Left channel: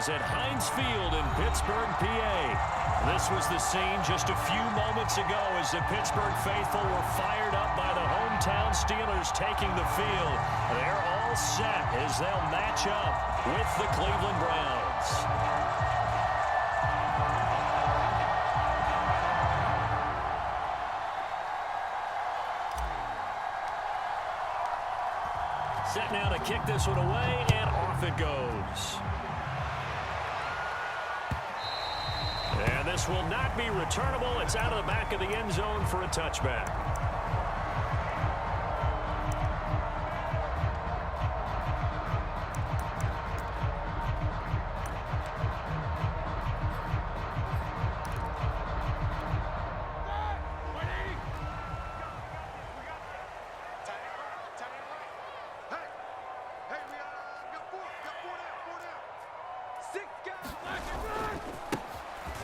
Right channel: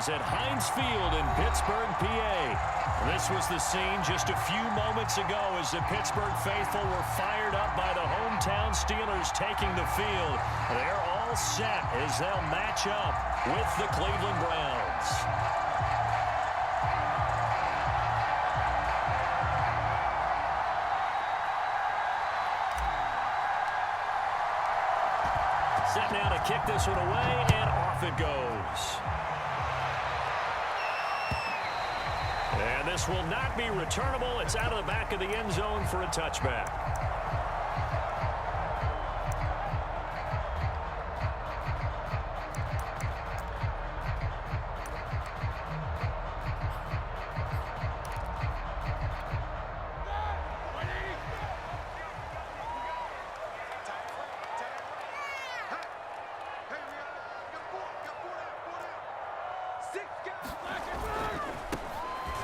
is at Heinz Field in Pittsburgh, PA. This was the scene just a few moments ago as the Pittsburgh faithful were fired up by the hometown Steelers taking the field. They're all set as they'll match up with the Cleveland Browns. Set now to kick this one away, and off it goes. And this will not be returnable. It's out of the back of the end zone for a touchback.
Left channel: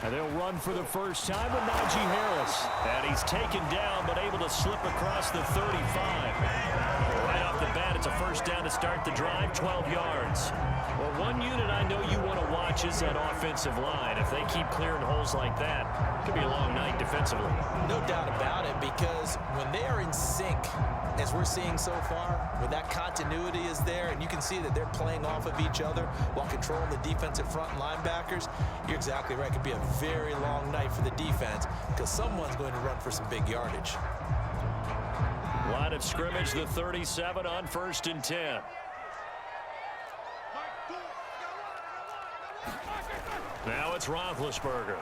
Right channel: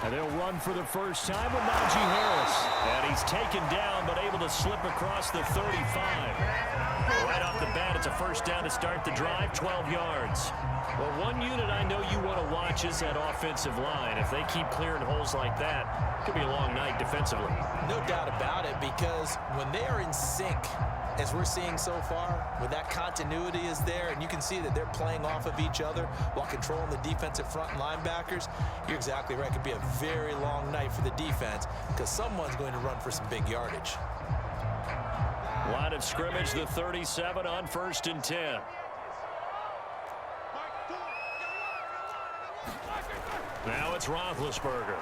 And they'll run for the first time with Najee Harris. And he's taken down, but able to slip across the 35. Right off the bat, it's a first down to start the drive, 12 yards. Well, one unit I know you want to watch is that offensive line. If they keep clearing holes like that, it could be a long night defensively. No doubt about it, because when they are in sync, as we're seeing so far, when that continuity is there and you can see that they're playing off of each other while controlling the defensive front linebackers, you're exactly right. It could be a very long night for the defense because someone's going to run for some big yardage. Line of scrimmage, the 37 on 1st and 10. Now it's Roethlisberger.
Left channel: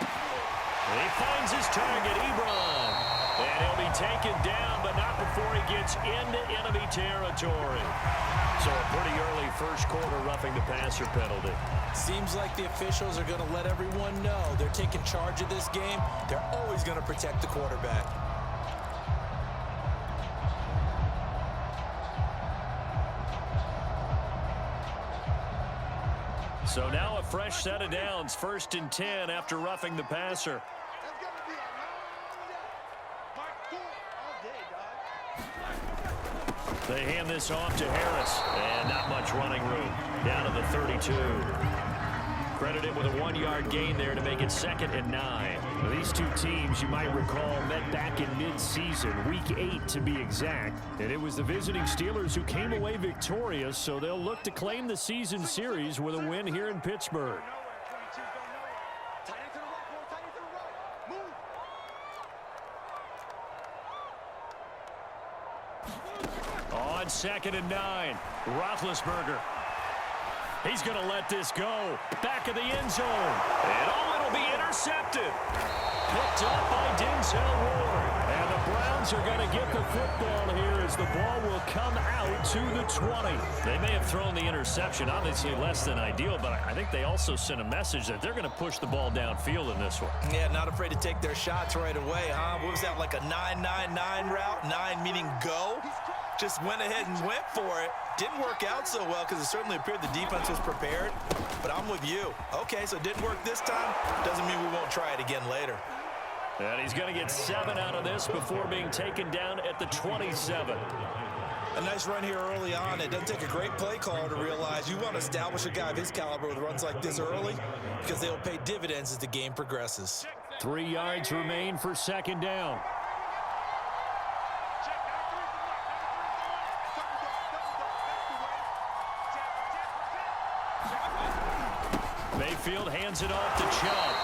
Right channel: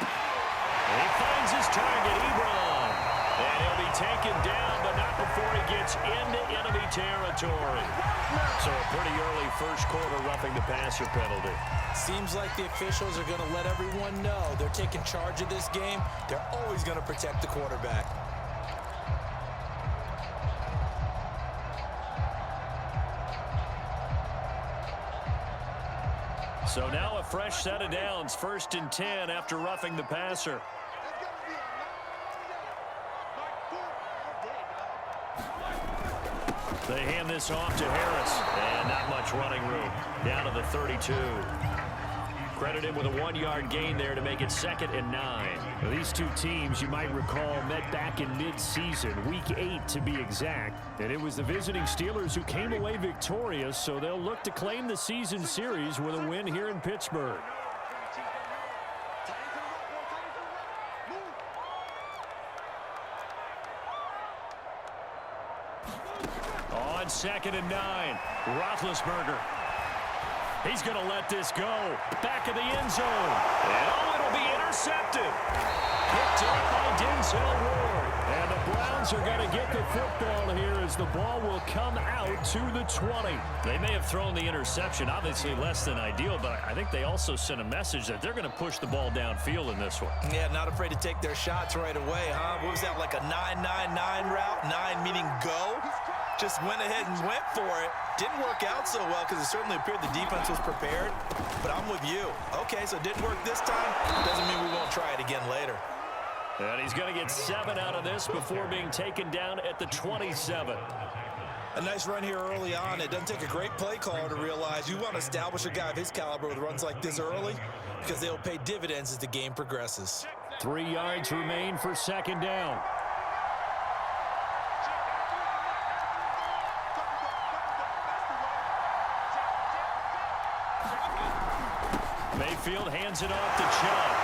He finds his target, Ebron. And he'll be taken down, but not before he gets into enemy territory. So a pretty early first quarter roughing the passer penalty. Seems like the officials are going to let everyone know they're taking charge of this game. They're always going to protect the quarterback. So now a fresh set of downs, 1st and 10 after roughing the passer. They hand this off to Harris, and not much running room. Down to the 32. Credited with a 1-yard gain there to make it 2nd and 9. Now, these two teams, you might recall, met back in mid-season, week 8 to be exact. And it was the visiting Steelers who came away victorious, so they'll look to claim the season series with a win here in Pittsburgh. On 2nd and 9, Roethlisberger. He's going to let this go. Back of the end zone. And it'll be intercepted. Picked up by Denzel Ward. And the Browns are going to get the football here as the ball will come out to the 20. They may have thrown the interception, obviously less than ideal, but I think they also sent a message that they're going to push the ball downfield in this one. Yeah, not afraid to take their shots right away, huh? What was that, like a 9-9-9 route? 9 meaning go? Just went ahead and went for it. Didn't work out so well because it certainly appeared the defense was prepared. But I'm with you. Okay, so it didn't work this time. Doesn't mean we won't try it again later. And he's going to get 7 out of this before being taken down at the 27. A nice run here early on. It doesn't take a great play caller to realize you want to establish a guy of his caliber with runs like this early because they'll pay dividends as the game progresses. 3 yards remain for 2nd down. Mayfield hands it off to Chubb.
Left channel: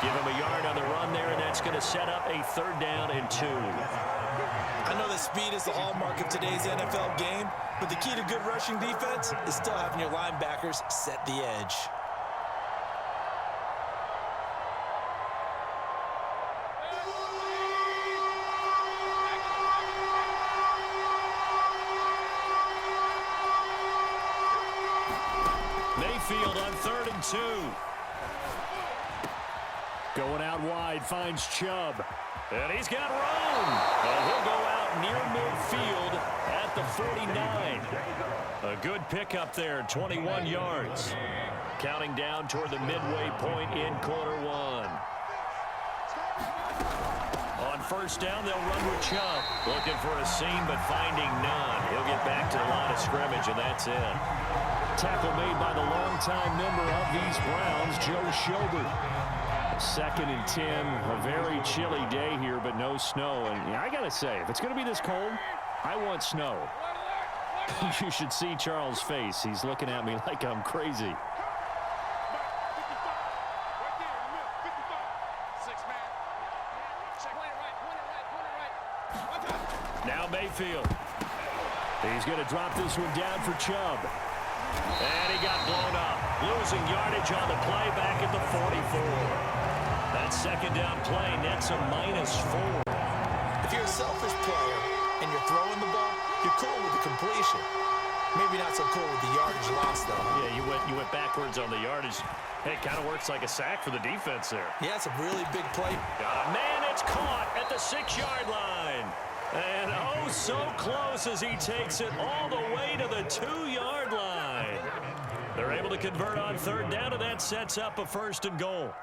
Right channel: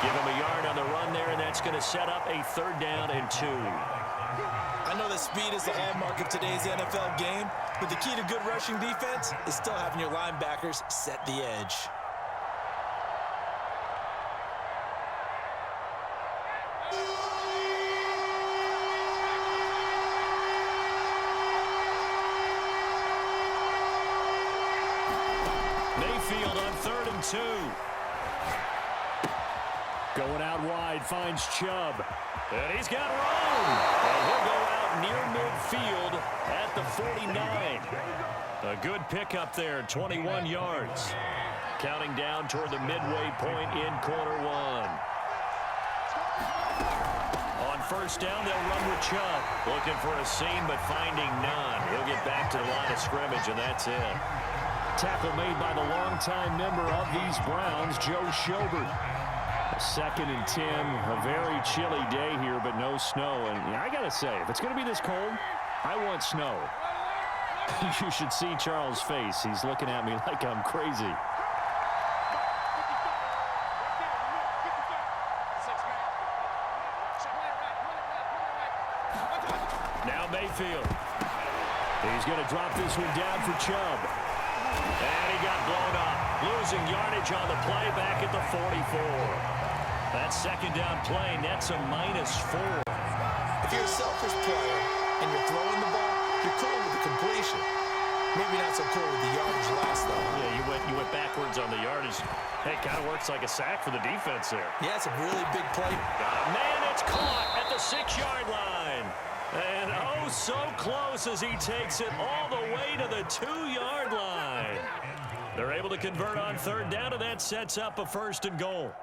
Give him a yard on the run there, and that's going to set up a 3rd down and 2. I know that speed is the hallmark of today's NFL game, but the key to good rushing defense is still having your linebackers set the edge. Mayfield on 3rd and 2. Going out wide, finds Chubb. And he's got room. And he'll go out near midfield at the 49. A good pickup there, 21 yards. Counting down toward the midway point in quarter 1. On 1st down, they'll run with Chubb. Looking for a seam, but finding none. He'll get back to the line of scrimmage, and that's it. tackle made by the longtime member of these Browns, Joe Schobert. 2nd and 10, a very chilly day here, but no snow. And yeah, I got to say, if it's going to be this cold, I want snow. You should see Charles' face. He's looking at me like I'm crazy. Now Mayfield. He's going to drop this one down for Chubb. And he got blown up. Losing yardage on the play back at the 44. That 2nd down play nets a -4. If you're a selfish player and you're throwing the ball, you're cool with the completion. Maybe not so cool with the yardage loss, though. Huh? Yeah, you went backwards on the yardage. Hey, it kind of works like a sack for the defense there. Yeah, it's a really big play. Got a man, it's caught at the 6-yard line. And oh, so close as he takes it all the way to the 2-yard line. They're able to convert on 3rd down, and that sets up a 1st and goal.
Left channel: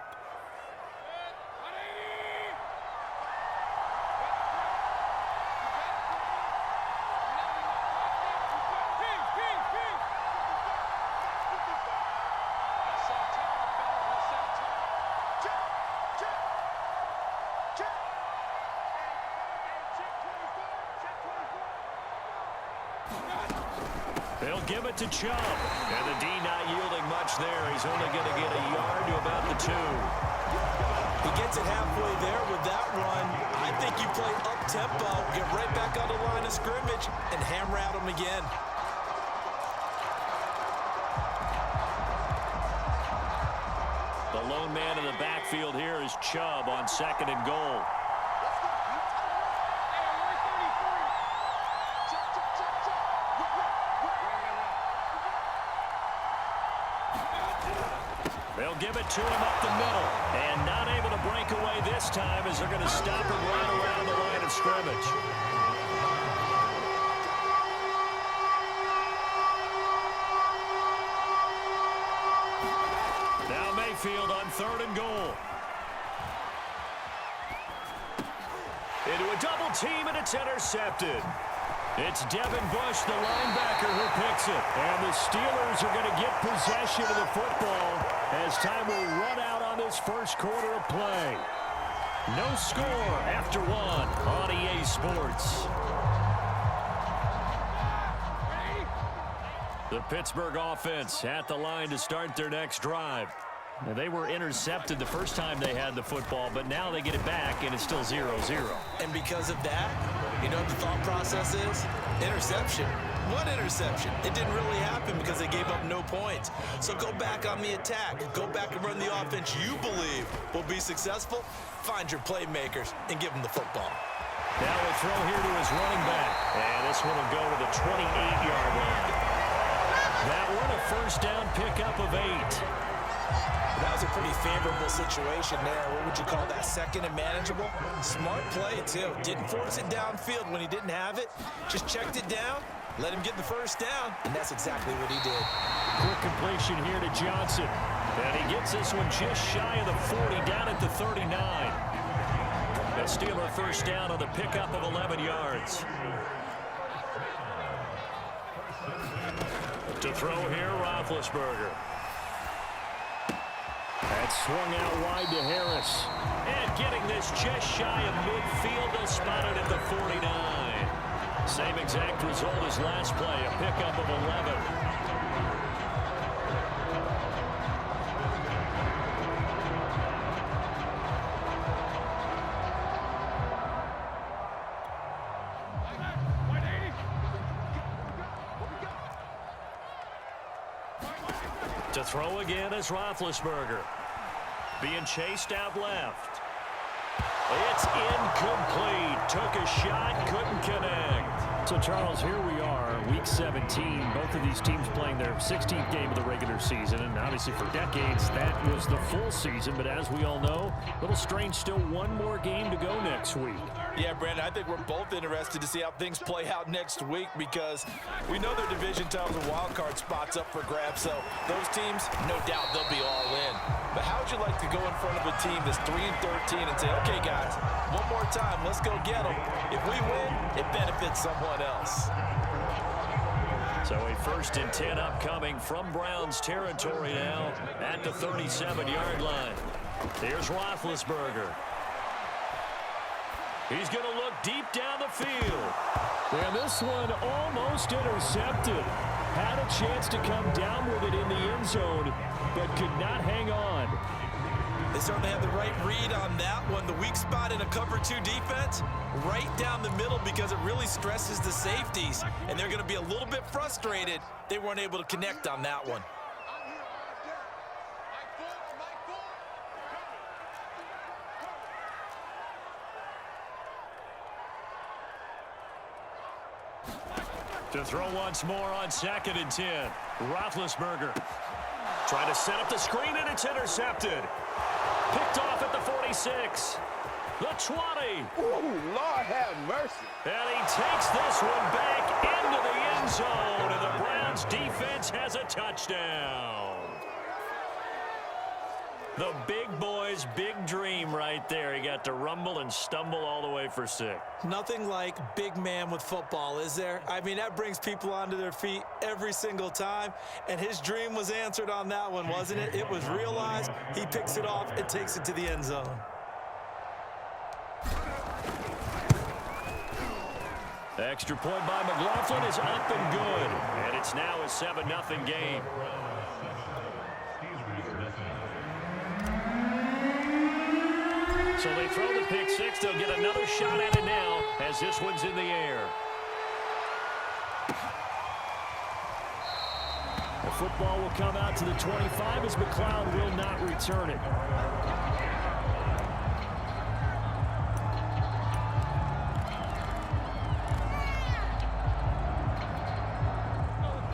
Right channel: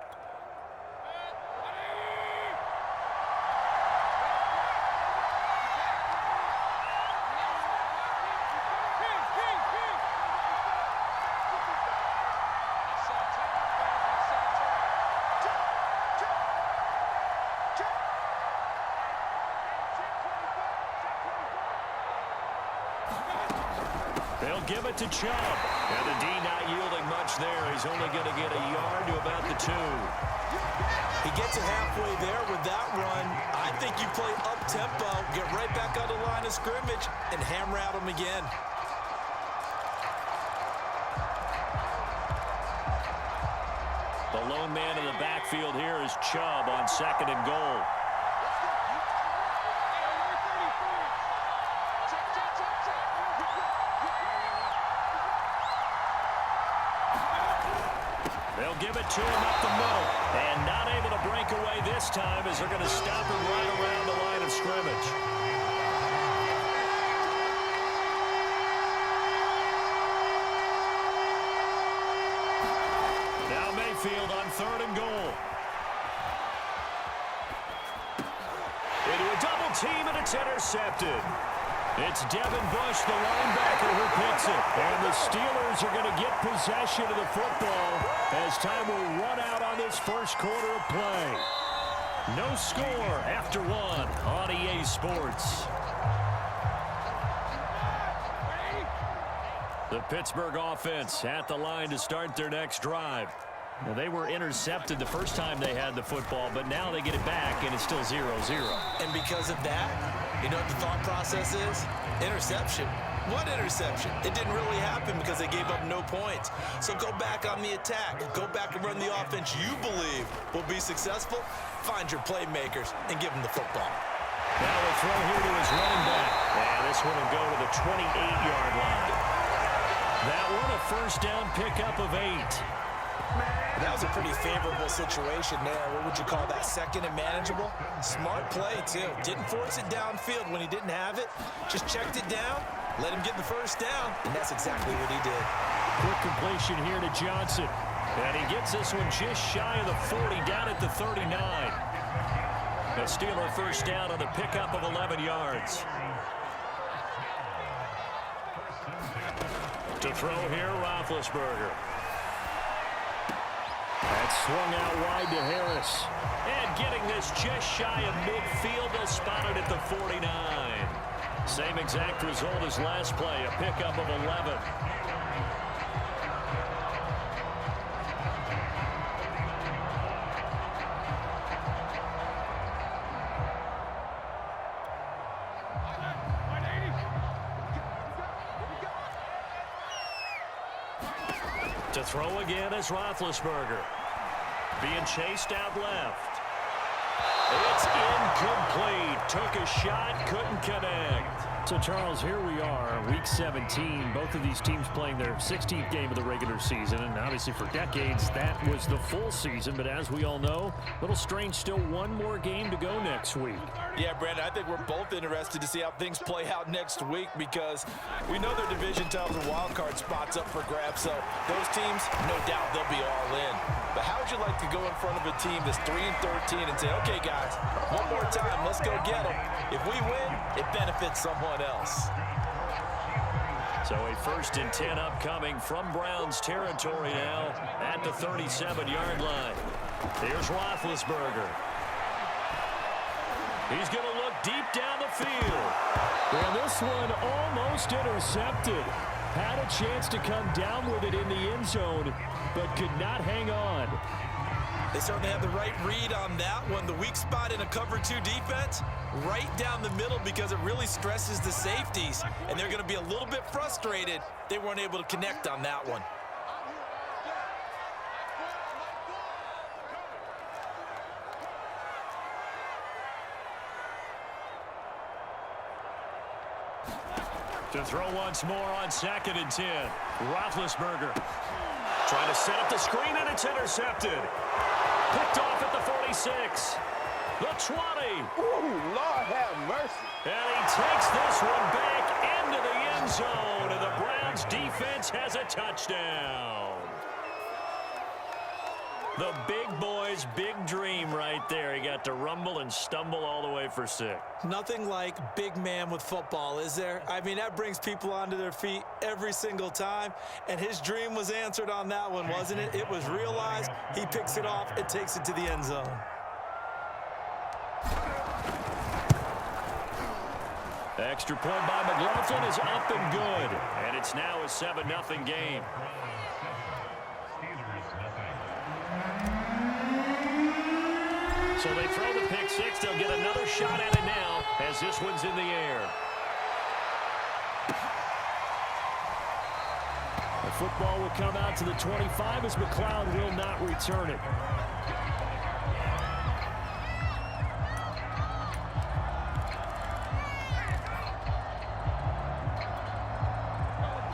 They'll give it to Chubb. And the D not yielding much there. He's only going to get a yard to about the 2. He gets it halfway there with that run. I think you play up-tempo, get right back on the line of scrimmage, and hammer at him again. The lone man in the backfield here is Chubb on 2nd and goal. They'll give it to him up the middle. And not able to break away this time as they're going to stop him right around the line of scrimmage. Now Mayfield on 3rd and goal. Into a double team, and it's intercepted. It's Devin Bush, the linebacker, who picks it. And the Steelers are going to get possession of the football as time will run out on this 1st quarter of play. No score after 1 on EA Sports. The Pittsburgh offense at the line to start their next drive. Now, they were intercepted the first time they had the football, but now they get it back, and it's still 0-0. And because of that, you know what the thought process is? Interception. What interception? It didn't really happen because they gave up no points. So go back on the attack. Go back and run the offense you believe will be successful. Find your playmakers and give them the football. Now a throw here to his running back. And this one will go to the 28-yard line. That one a 1st down pickup of 8. That was a pretty favorable situation there. What would you call that? 2nd and manageable? Smart play, too. Didn't force it downfield when he didn't have it. Just checked it down, let him get the 1st down, and that's exactly what he did. Quick completion here to Johnson. And he gets this one just shy of the 40, down at the 39. The Steeler 1st down on the pickup of 11 yards. To throw here, Roethlisberger. That's swung out wide to Harris. And getting this just shy of midfield, they'll spot it at the 49. Same exact result as last play, a pickup of 11. To throw again is Roethlisberger. Being chased out left. It's incomplete. Took a shot, couldn't connect. So, Charles, here we are, Week 17. Both of these teams playing their 16th game of the regular season. And obviously for decades, that was the full season. But as we all know, a little strange, still one more game to go next week. Yeah, Brandon, I think we're both interested to see how things play out next week because we know their division titles and wild card spots up for grabs. So those teams, no doubt, they'll be all in. But how would you like to go in front of a team that's 3-13 and say, okay, guys, one more time, let's go get them. If we win, it benefits someone else. So a 1st and 10 upcoming from Browns territory now at the 37-yard line. Here's Roethlisberger. He's going to look deep down the field. And this one almost intercepted. Had a chance to come down with it in the end zone, but could not hang on. They certainly had the right read on that one. The weak spot in a cover 2 defense, right down the middle, because it really stresses the safeties, and they're going to be a little bit frustrated they weren't able to connect on that one. To throw once more on 2nd and 10. Roethlisberger trying to set up the screen, and it's intercepted. Picked off at the 46. The 20. Ooh, Lord have mercy. And he takes this one back into the end zone, and the Browns defense has a touchdown. The big boy's big dream right there. He got to rumble and stumble all the way for 6. Nothing like big man with football, is there? I mean, that brings people onto their feet every single time, and his dream was answered on that one, wasn't it? It was realized. He picks it off and takes it to the end zone. Extra point by McLaughlin is up and good, and it's now a 7-0 game. So they throw the pick 6. They'll get another shot at it now as this one's in the air. The football will come out to the 25 as McLeod will not return it.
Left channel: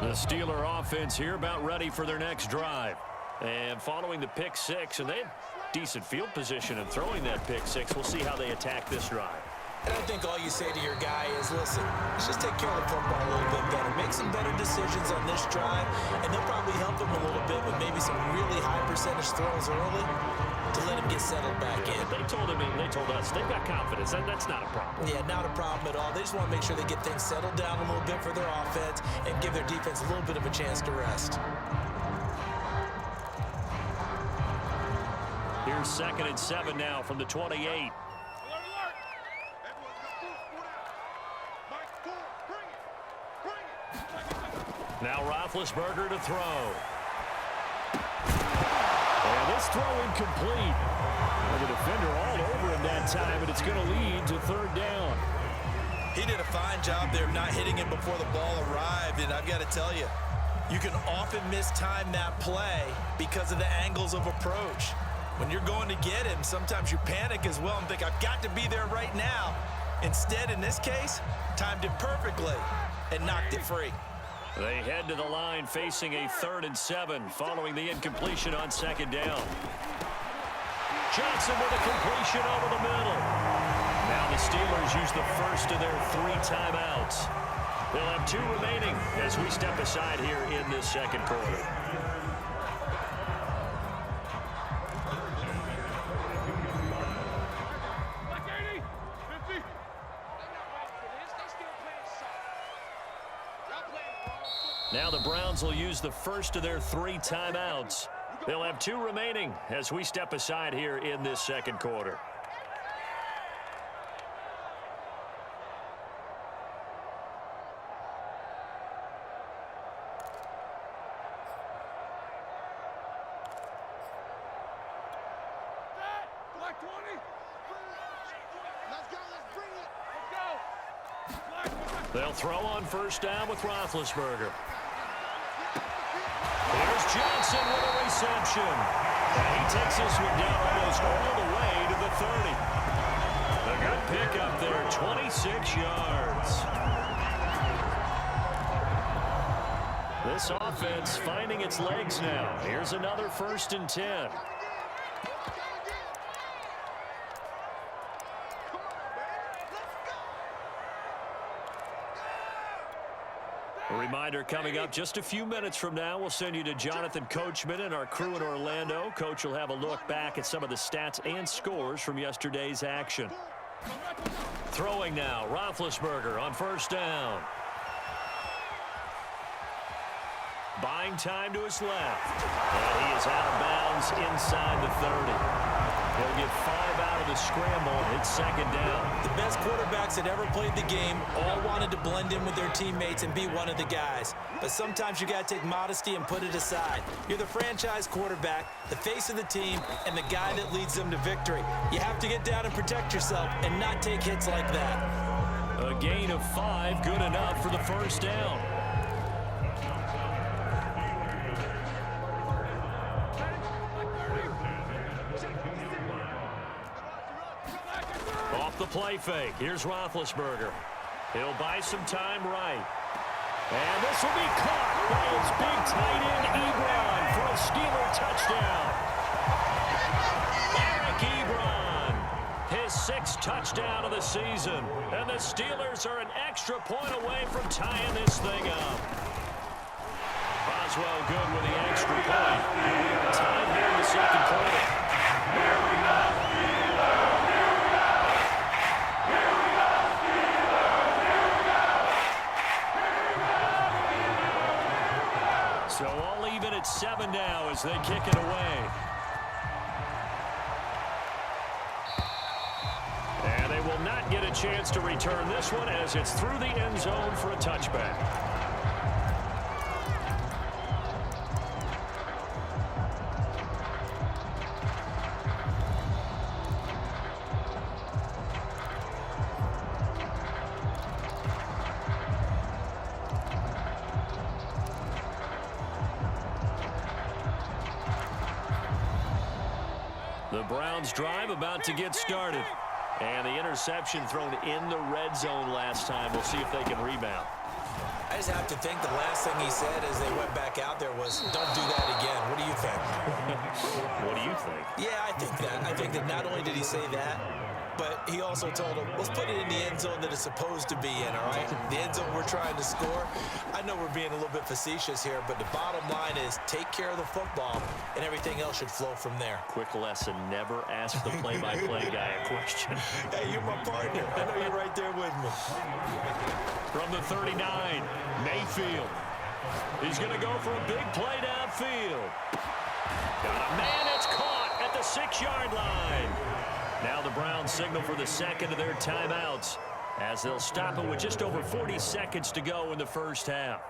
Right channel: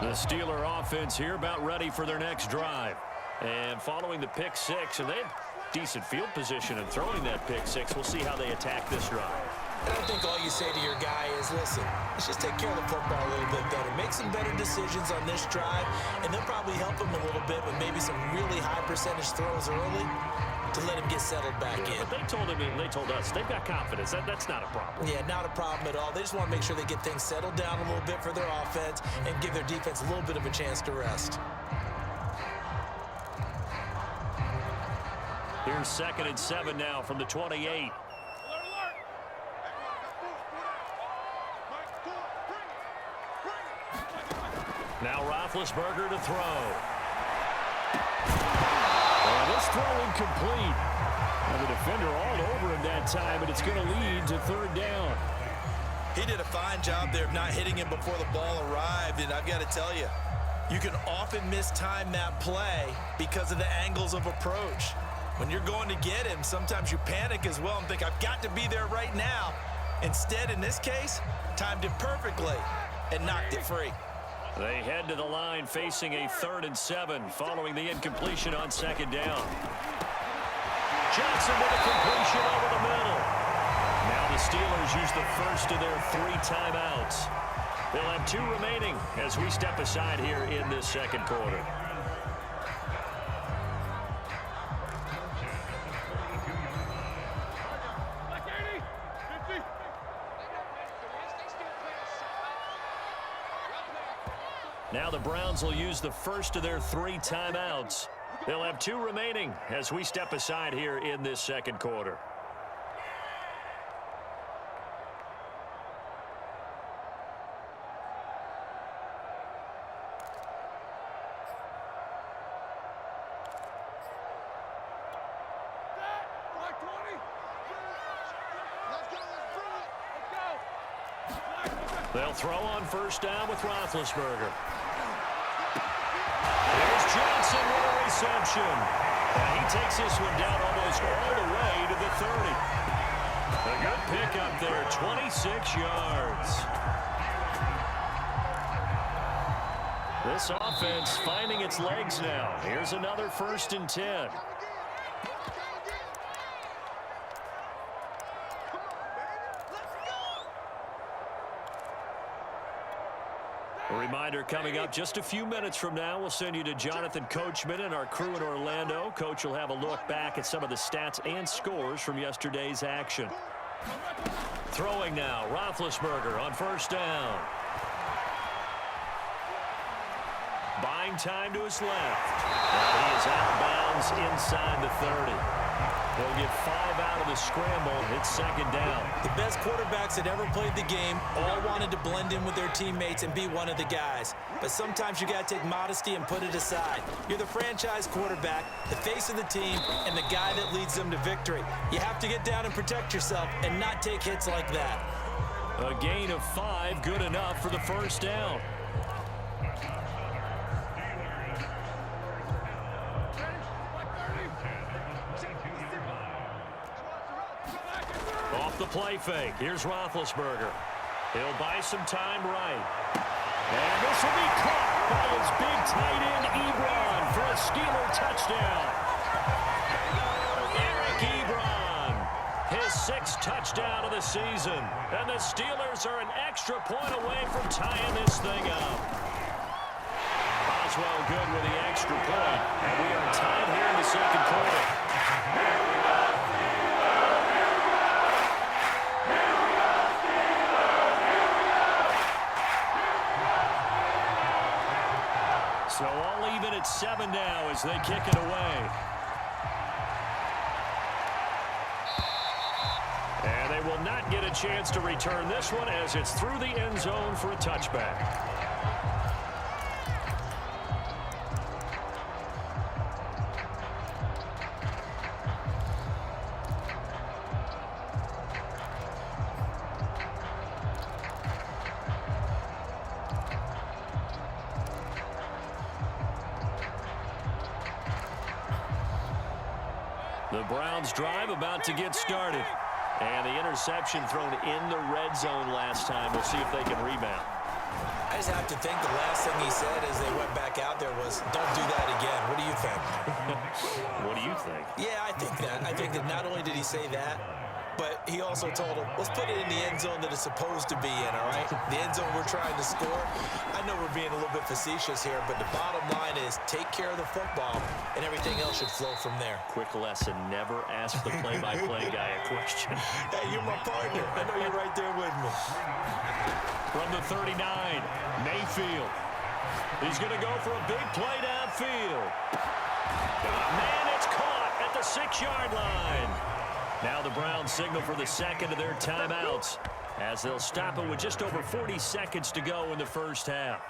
The Steeler offense here about ready for their next drive. And following the pick 6, and they had decent field position in throwing that pick 6. We'll see how they attack this drive. And I think all you say to your guy is, listen, let's just take care of the football a little bit better. Make some better decisions on this drive, and they'll probably help him a little bit with maybe some really high percentage throws early to let him get settled back in. But they told him, and they told us, they've got confidence. That's not a problem. Yeah, not a problem at all. They just want to make sure they get things settled down a little bit for their offense and give their defense a little bit of a chance to rest. Here's 2nd and 7 now from the 28. Now Roethlisberger to throw. And this throw incomplete. And the defender all over him that time, and it's going to lead to 3rd down. He did a fine job there of not hitting him before the ball arrived, and I've got to tell you, you can often mistime that play because of the angles of approach. When you're going to get him, sometimes you panic as well and think, I've got to be there right now. Instead, in this case, timed it perfectly and knocked it free. They head to the line facing a 3rd and 7 following the incompletion on 2nd down. Johnson with a completion over the middle. Now the Steelers use the first of their 3 timeouts. They'll have 2 remaining as we step aside here in this 2nd quarter. Now the Browns will use the first of their 3 timeouts. They'll have 2 remaining as we step aside here in this 2nd quarter. They'll throw on 1st down with Roethlisberger. There's Johnson with a reception. And he takes this one down almost all the way to the 30. A good pickup there, 26 yards. This offense finding its legs now. Here's another 1st and 10. A reminder coming up just a few minutes from now, we'll send you to Jonathan Coachman and our crew in Orlando. Coach will have a look back at some of the stats and scores from yesterday's action. Throwing now, Roethlisberger on 1st down. buying time to his left. And he is out of bounds inside the 30. He'll get 5 out of the scramble. It's second down. The best quarterbacks that ever played the game all wanted to blend in with their teammates and be one of the guys. But sometimes you got to take modesty and put it aside. You're the franchise quarterback, the face of the team, and the guy that leads them to victory. You have to get down and protect yourself and not take hits like that. A gain of 5, good enough for the first down. Off the play fake. Here's Roethlisberger. He'll buy some time right. And this will be caught by his big tight end, Ebron, for a Steeler touchdown. Eric Ebron, his 6th touchdown of the season. And the Steelers are an extra point away from tying this thing up. Boswell good with the extra point. And we are tied here in the second quarter. So all even at 7 now as they kick it away. And they will not get a chance to return this one as it's through the end zone for a touchback. The Browns drive about to get started. And the interception thrown in the red zone last time. We'll see if they can rebound. I just have to think the last thing he said as they went back out there was, don't do that again. What do you think? What do you think? Yeah, I think that. I think that not only did he say that, but he also told him, let's put it in the end zone that it's supposed to be in, all right? The end zone we're trying to score. I know we're being a little bit facetious here, but the bottom line is take care of the football, and everything else should flow from there. Quick lesson, never ask the play-by-play guy a question. Hey, you're my partner. I know you're right there with me. From the 39, Mayfield. He's going to go for a big play downfield. Got a man, it's caught at the 6-yard line. Now the Browns signal for the second of their timeouts as they'll stop it with just over 40 seconds to go in the first half.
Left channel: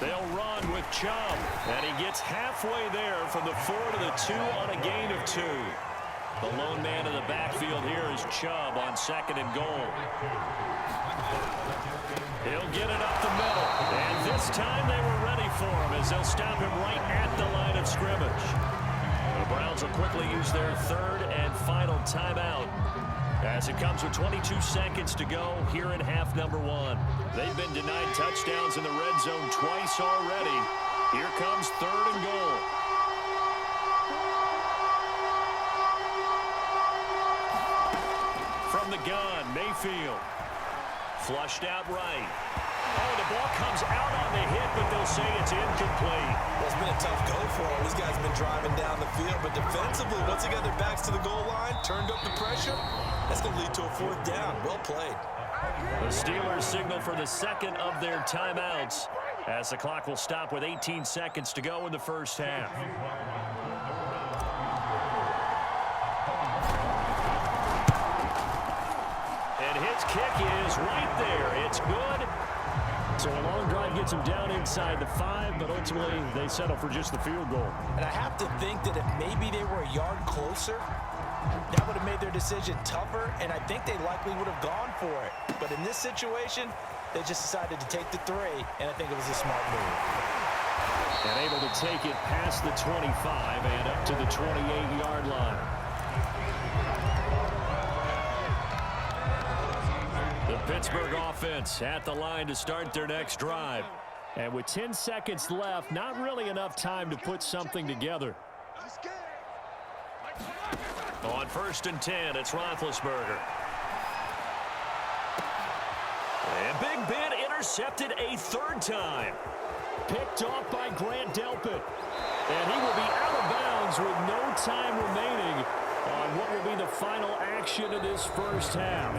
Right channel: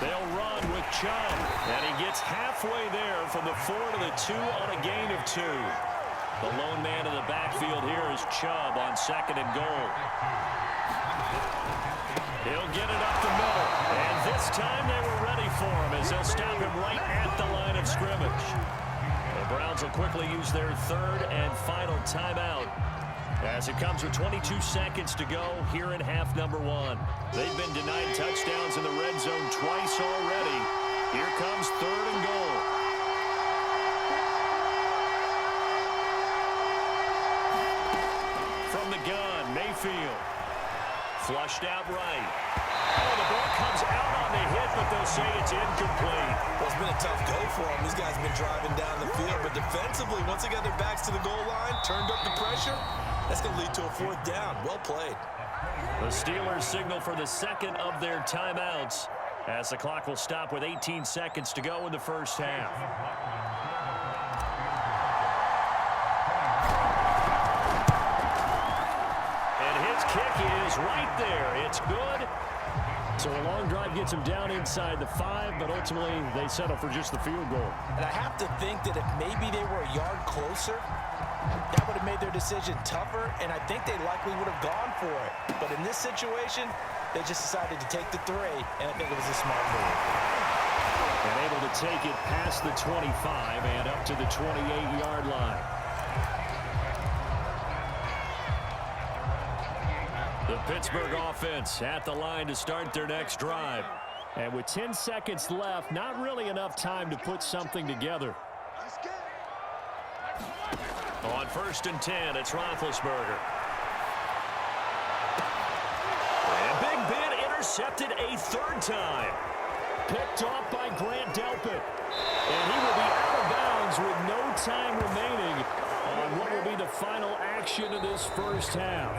They'll run with Chubb, and he gets halfway there from the 4 to the 2 on a gain of 2. The lone man in the backfield here is Chubb on 2nd and goal. He'll get it up the middle, and this time they were ready for him as they'll stop him right at the line of scrimmage. The Browns will quickly use their 3rd and final timeout as it comes with 22 seconds to go here in half number 1. They've been denied touchdowns in the red zone twice already. Here comes 3rd and goal. From the gun, Mayfield. Flushed out right. Oh, the ball comes out on the hit, but they'll say it's incomplete. Well, it's been a tough go for them. These guys have been driving down the field, but defensively, once they got their backs to the goal line, turned up the pressure, that's going to lead to a 4th down. Well played. The Steelers signal for the second of their timeouts as the clock will stop with 18 seconds to go in the first half. And his kick is right there. It's good. So a long drive gets them down inside the 5, but ultimately they settle for just the field goal. And I have to think that if maybe they were a yard closer, that would have made their decision tougher, and I think they likely would have gone for it. But in this situation, they just decided to take the 3, and I think it was a smart move. And able to take it past the 25 and up to the 28-yard line. The Pittsburgh offense at the line to start their next drive. And with 10 seconds left, not really enough time to put something together. On 1st and 10, it's Roethlisberger. And Big Ben intercepted a 3rd time. Picked off by Grant Delpit. And he will be out of bounds with no time remaining on what will be the final action of this first half.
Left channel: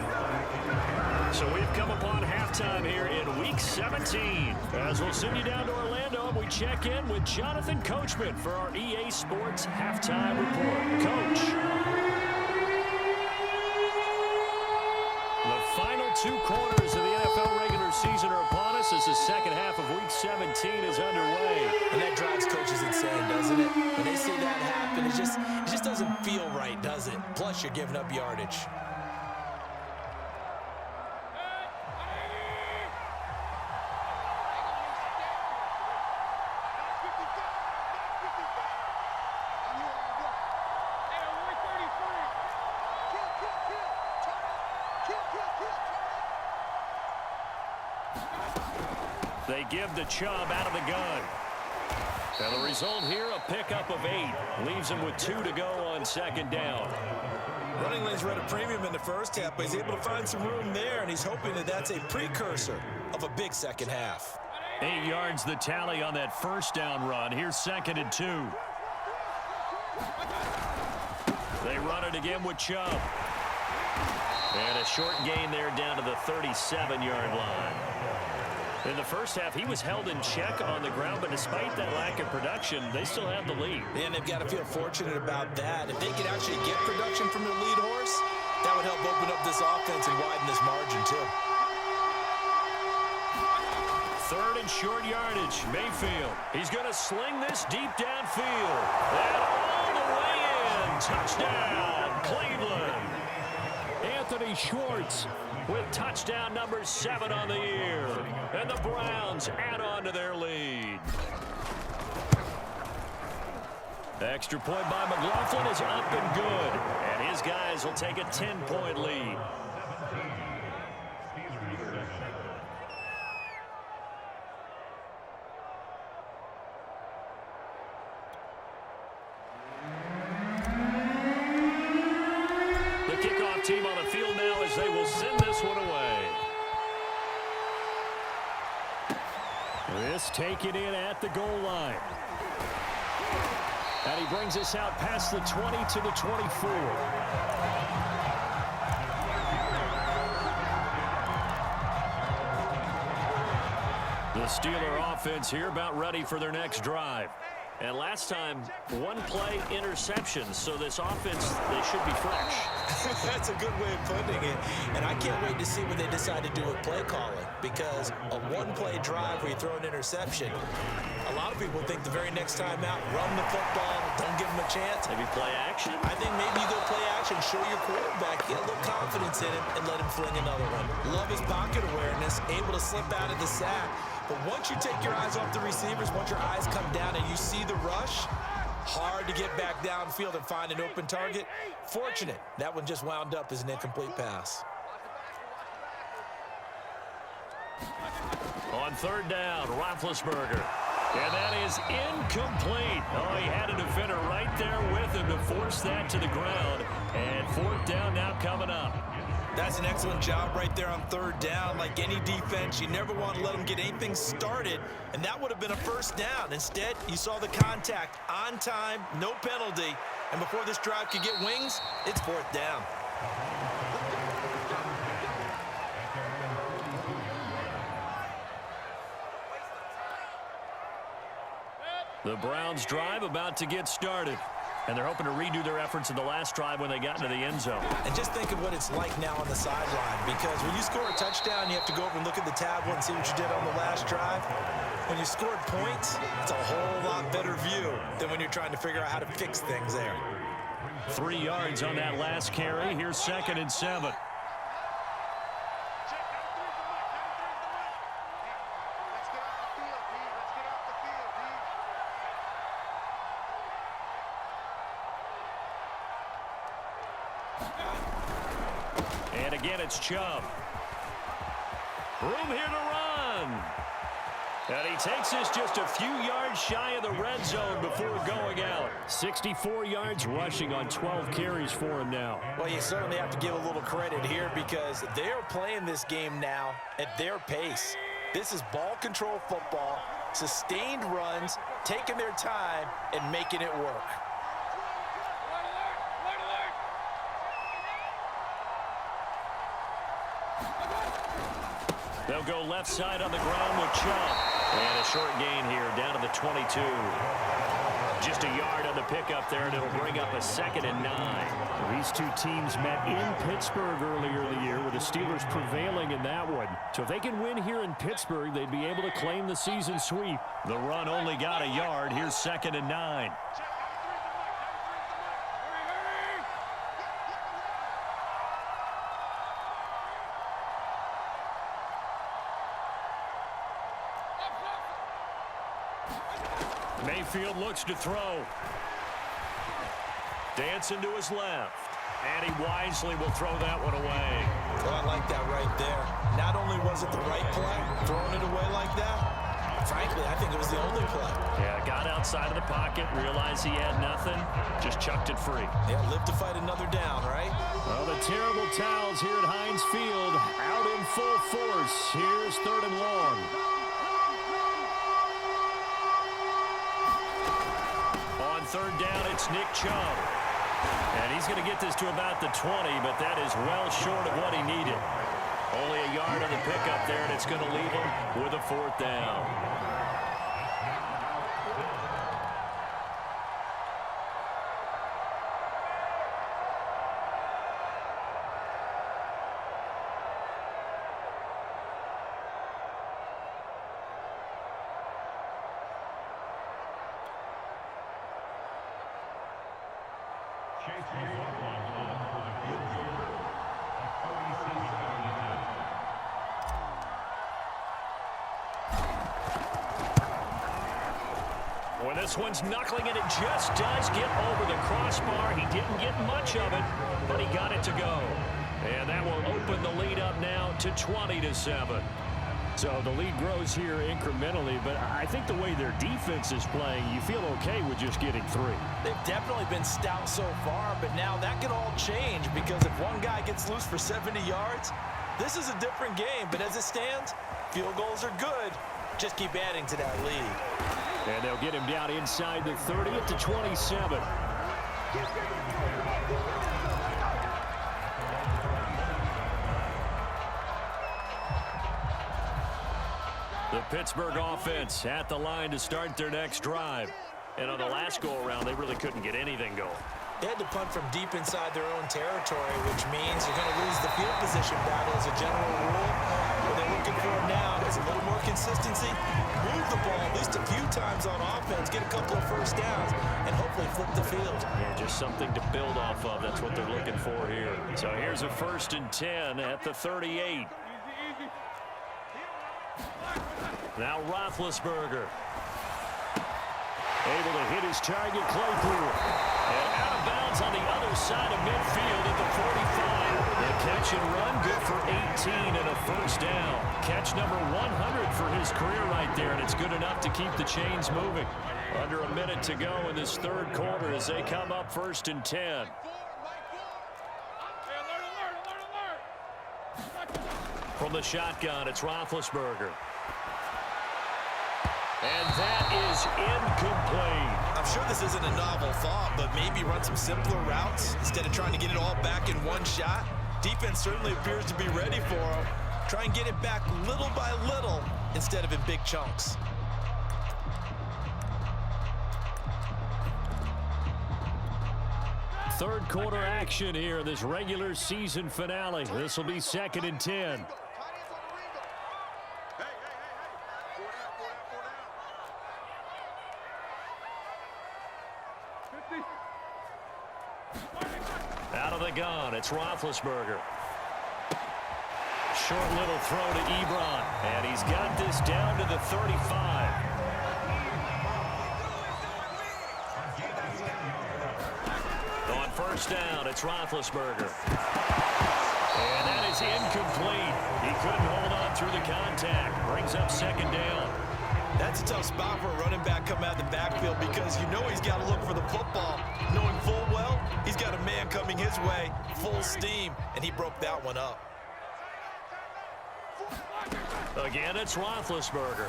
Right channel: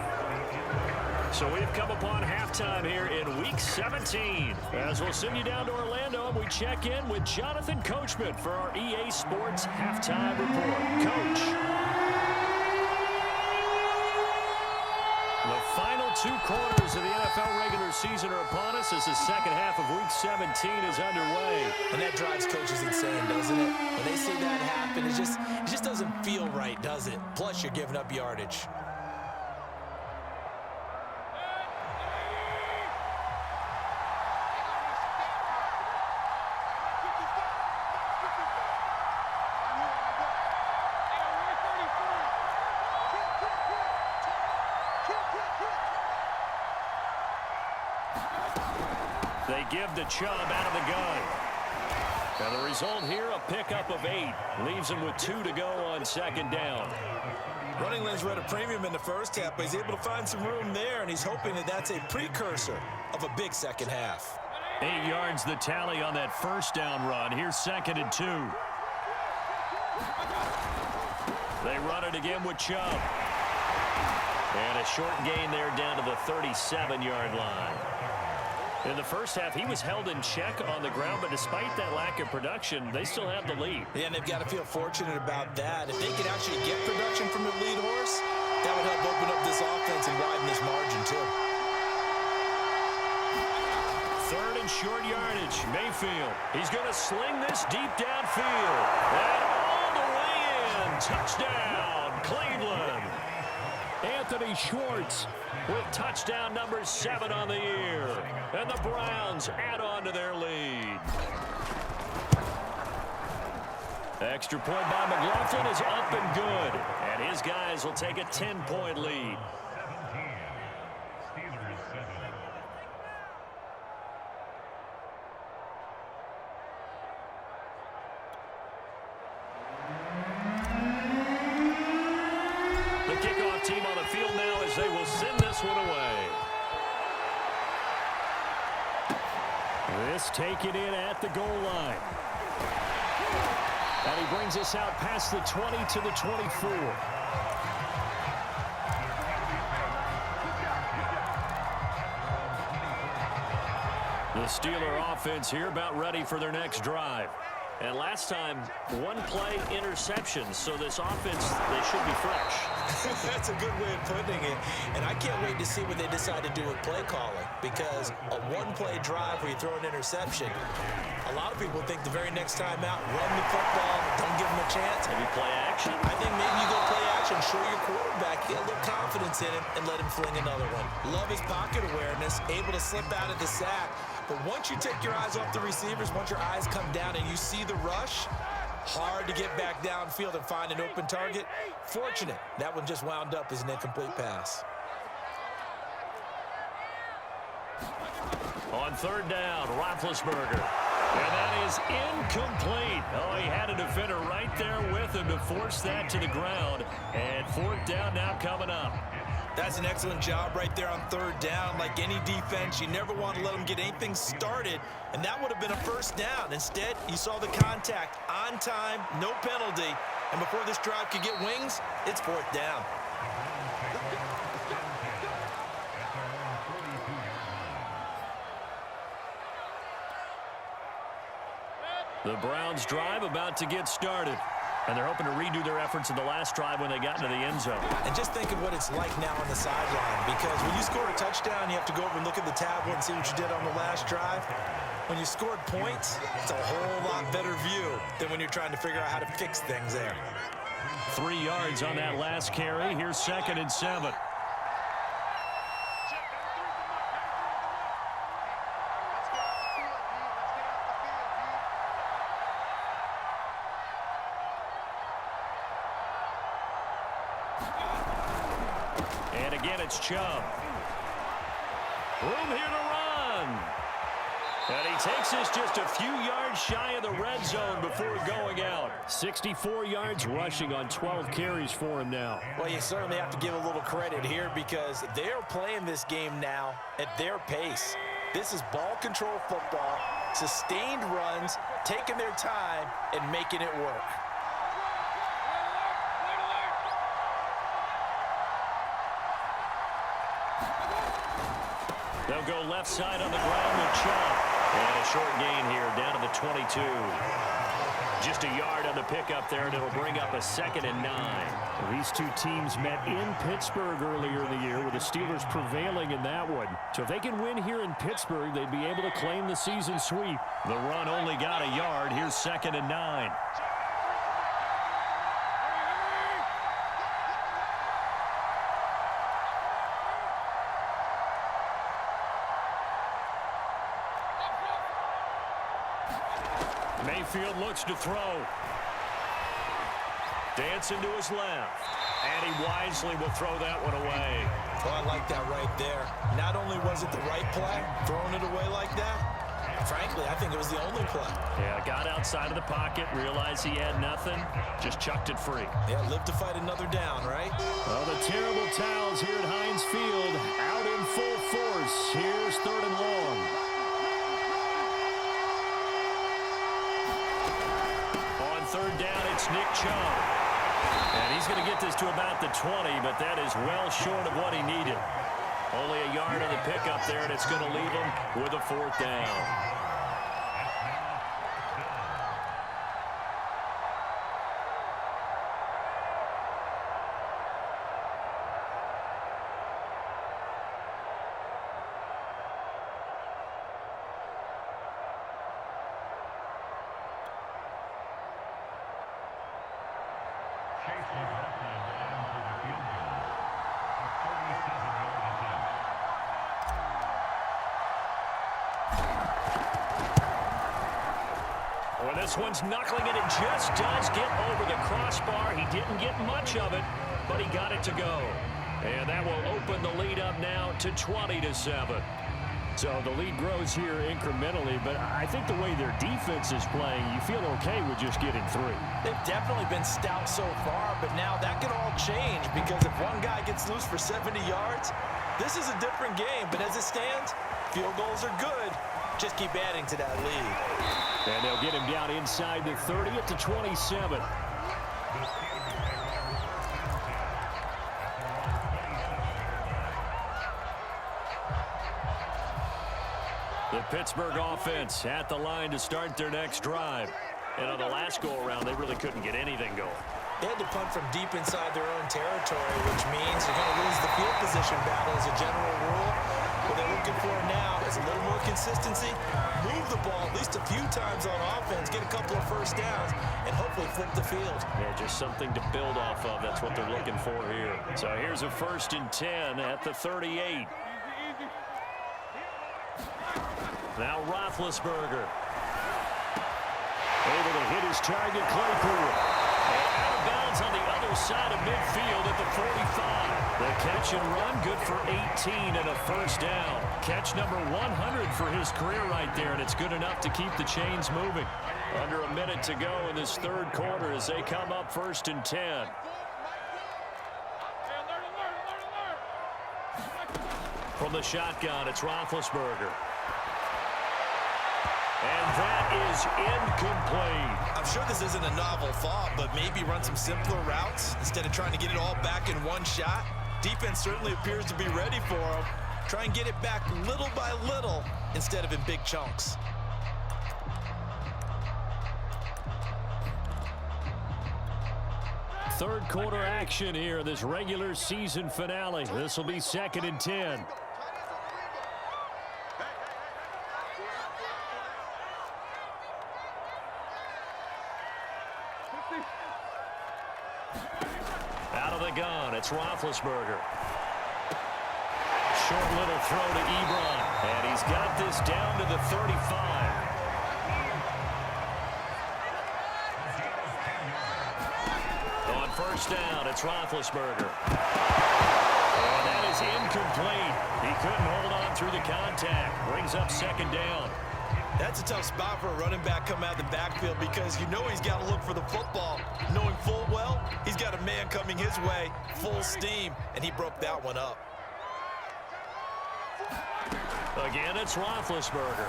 So we've come upon halftime here in Week 17. As we'll send you down to Orlando, and we check in with Jonathan Coachman for our EA Sports Halftime Report. Coach. The final 2 quarters of the NFL regular season are upon us as the second half of Week 17 is underway. And that drives coaches insane, doesn't it? When they see that happen, it just doesn't feel right, does it? Plus, you're giving up yardage. They give to Chubb out of the gun. And the result here, a pickup of 8. Leaves him with 2 to go on second down. Running lanes were at a premium in the first half, but he's able to find some room there, and he's hoping that that's a precursor of a big second half. 8 yards the tally on that first down run. Here's 2nd and 2. They run it again with Chubb. And a short gain there down to the 37-yard line. In the first half, he was held in check on the ground, but despite that lack of production, they still have the lead. Yeah, and they've got to feel fortunate about that. If they could actually get production from their lead horse, that would help open up this offense and widen this margin, too. 3rd and short yardage. Mayfield. He's going to sling this deep downfield. And all the way in. Touchdown, Cleveland. Anthony Schwartz With touchdown number 7 on the year. And the Browns add on to their lead. Extra point by McLaughlin is up and good. And his guys will take a 10-point lead. The kickoff team on the field now as they will send this one away. This taken in at the goal line. And he brings us out past the 20 to the 24. The Steeler offense here about ready for their next drive. And last time, 1 play interception. So this offense, they should be fresh. That's a good way of putting it. And I can't wait to see what they decide to do with play calling, because a 1-play drive where you throw an interception, a lot of people think the very next time out, run the football, don't give them a chance. Maybe play action? I think maybe you go play action, show your quarterback, get a little confidence in him, and let him fling another one. Love his pocket awareness, able to slip out of the sack. But once you take your eyes off the receivers, once your eyes come down and you see the rush, hard to get back downfield and find an open target. Fortunate, that one just wound up as an incomplete pass. On 3rd down, Roethlisberger. And that is incomplete. Oh, he had a defender right there with him to force that to the ground. And 4th down now coming up. That's an excellent job right there on 3rd down. Like any defense, you never want to let them get anything started, and that would have been a 1st down. Instead, you saw the contact on time, no penalty, and before this drive could get wings, it's 4th down. The Browns drive about to get started. And they're hoping to redo their efforts in the last drive when they got into the end zone. And just think of what it's like now on the sideline, because when you score a touchdown, you have to go over and look at the tablet and see what you did on the last drive. When you scored points, it's a whole lot better view than when you're trying to figure out how to fix things there. 3 yards on that last carry. Here's 2nd and 7. And again, it's Chubb. Room here to run. And he takes this just a few yards shy of the red zone before going out. 64 yards rushing on 12 carries for him now. Well, you certainly have to give a little credit here, because they're playing this game now at their pace. This is ball control football. Sustained runs, taking their time, and making it work. They'll go left side on the ground with Chubb. And a short gain here down to the 22. Just a yard on the pickup there, and it'll bring up a 2nd and 9. Well, these two teams met in Pittsburgh earlier in the year, with the Steelers prevailing in that one. So if they can win here in Pittsburgh, they'd be able to claim the season sweep. The run only got a yard. Here's 2nd and 9. Mayfield looks to throw. Dancing to his left. And he wisely will throw that one away. Well, I like that right there. Not only was it the right play, throwing it away like that, frankly, I think it was the only play. Yeah, got outside of the pocket, realized he had nothing, just chucked it free. Yeah, live to fight another down, right? Well, the terrible towels here at Heinz Field out in full force. Here's 3rd and long. On 3rd down, it's Nick Chubb. And he's going to get this to about the 20, but that is well short of what he needed. Only a yard on the pickup there, and it's going to leave him with a 4th down. Well, this one's knuckling, and it just does get over the crossbar. He didn't get much of it, but he got it to go. And that will open the lead up now to 20-7. So the lead grows here incrementally, but I think the way their defense is playing, you feel okay with just getting 3. They've definitely been stout so far, but now that could all change, because if one guy gets loose for 70 yards, this is a different game. But as it stands, field goals are good. Just keep adding to that lead. And they'll get him down inside the 30 at the 27. The Pittsburgh offense at the line to start their next drive. And on the last go-around, they really couldn't get anything going. They had to punt from deep inside their own territory, which means you're going to lose the field position battle as a general rule. What they're looking for now is a little more consistency, move the ball at least a few times on offense, get a couple of first downs, and hopefully flip the field. Yeah, just something to build off of. That's what they're looking for here. So here's a 1st and 10 at the 38. Now Roethlisberger. Able to hit his target, Claypool. And out of bounds on the other side of midfield at the 45. The catch and run, good for 18 and a 1st down. Catch number 100 for his career right there, and it's good enough to keep the chains moving. Under a minute to go in this 3rd quarter as they come up 1st and 10. From the shotgun, it's Roethlisberger. And that is incomplete. I'm sure this isn't a novel thought, but maybe run some simpler routes instead of trying to get it all back in one shot. Defense certainly appears to be ready for him. Try and get it back little by little instead of in big chunks. Third quarter action here, this regular season finale. This will be 2nd and 10. Out of the gun, it's Roethlisberger. Short little throw to Ebron, and he's got this down to the 35. On 1st down, it's Roethlisberger. And that is incomplete. He couldn't hold on through the contact. Brings up 2nd down. That's a tough spot for a running back coming out of the backfield, because you know he's got to look for the football, knowing full well he's got a man coming his way, full steam, and he broke that one up. Again, it's Roethlisberger.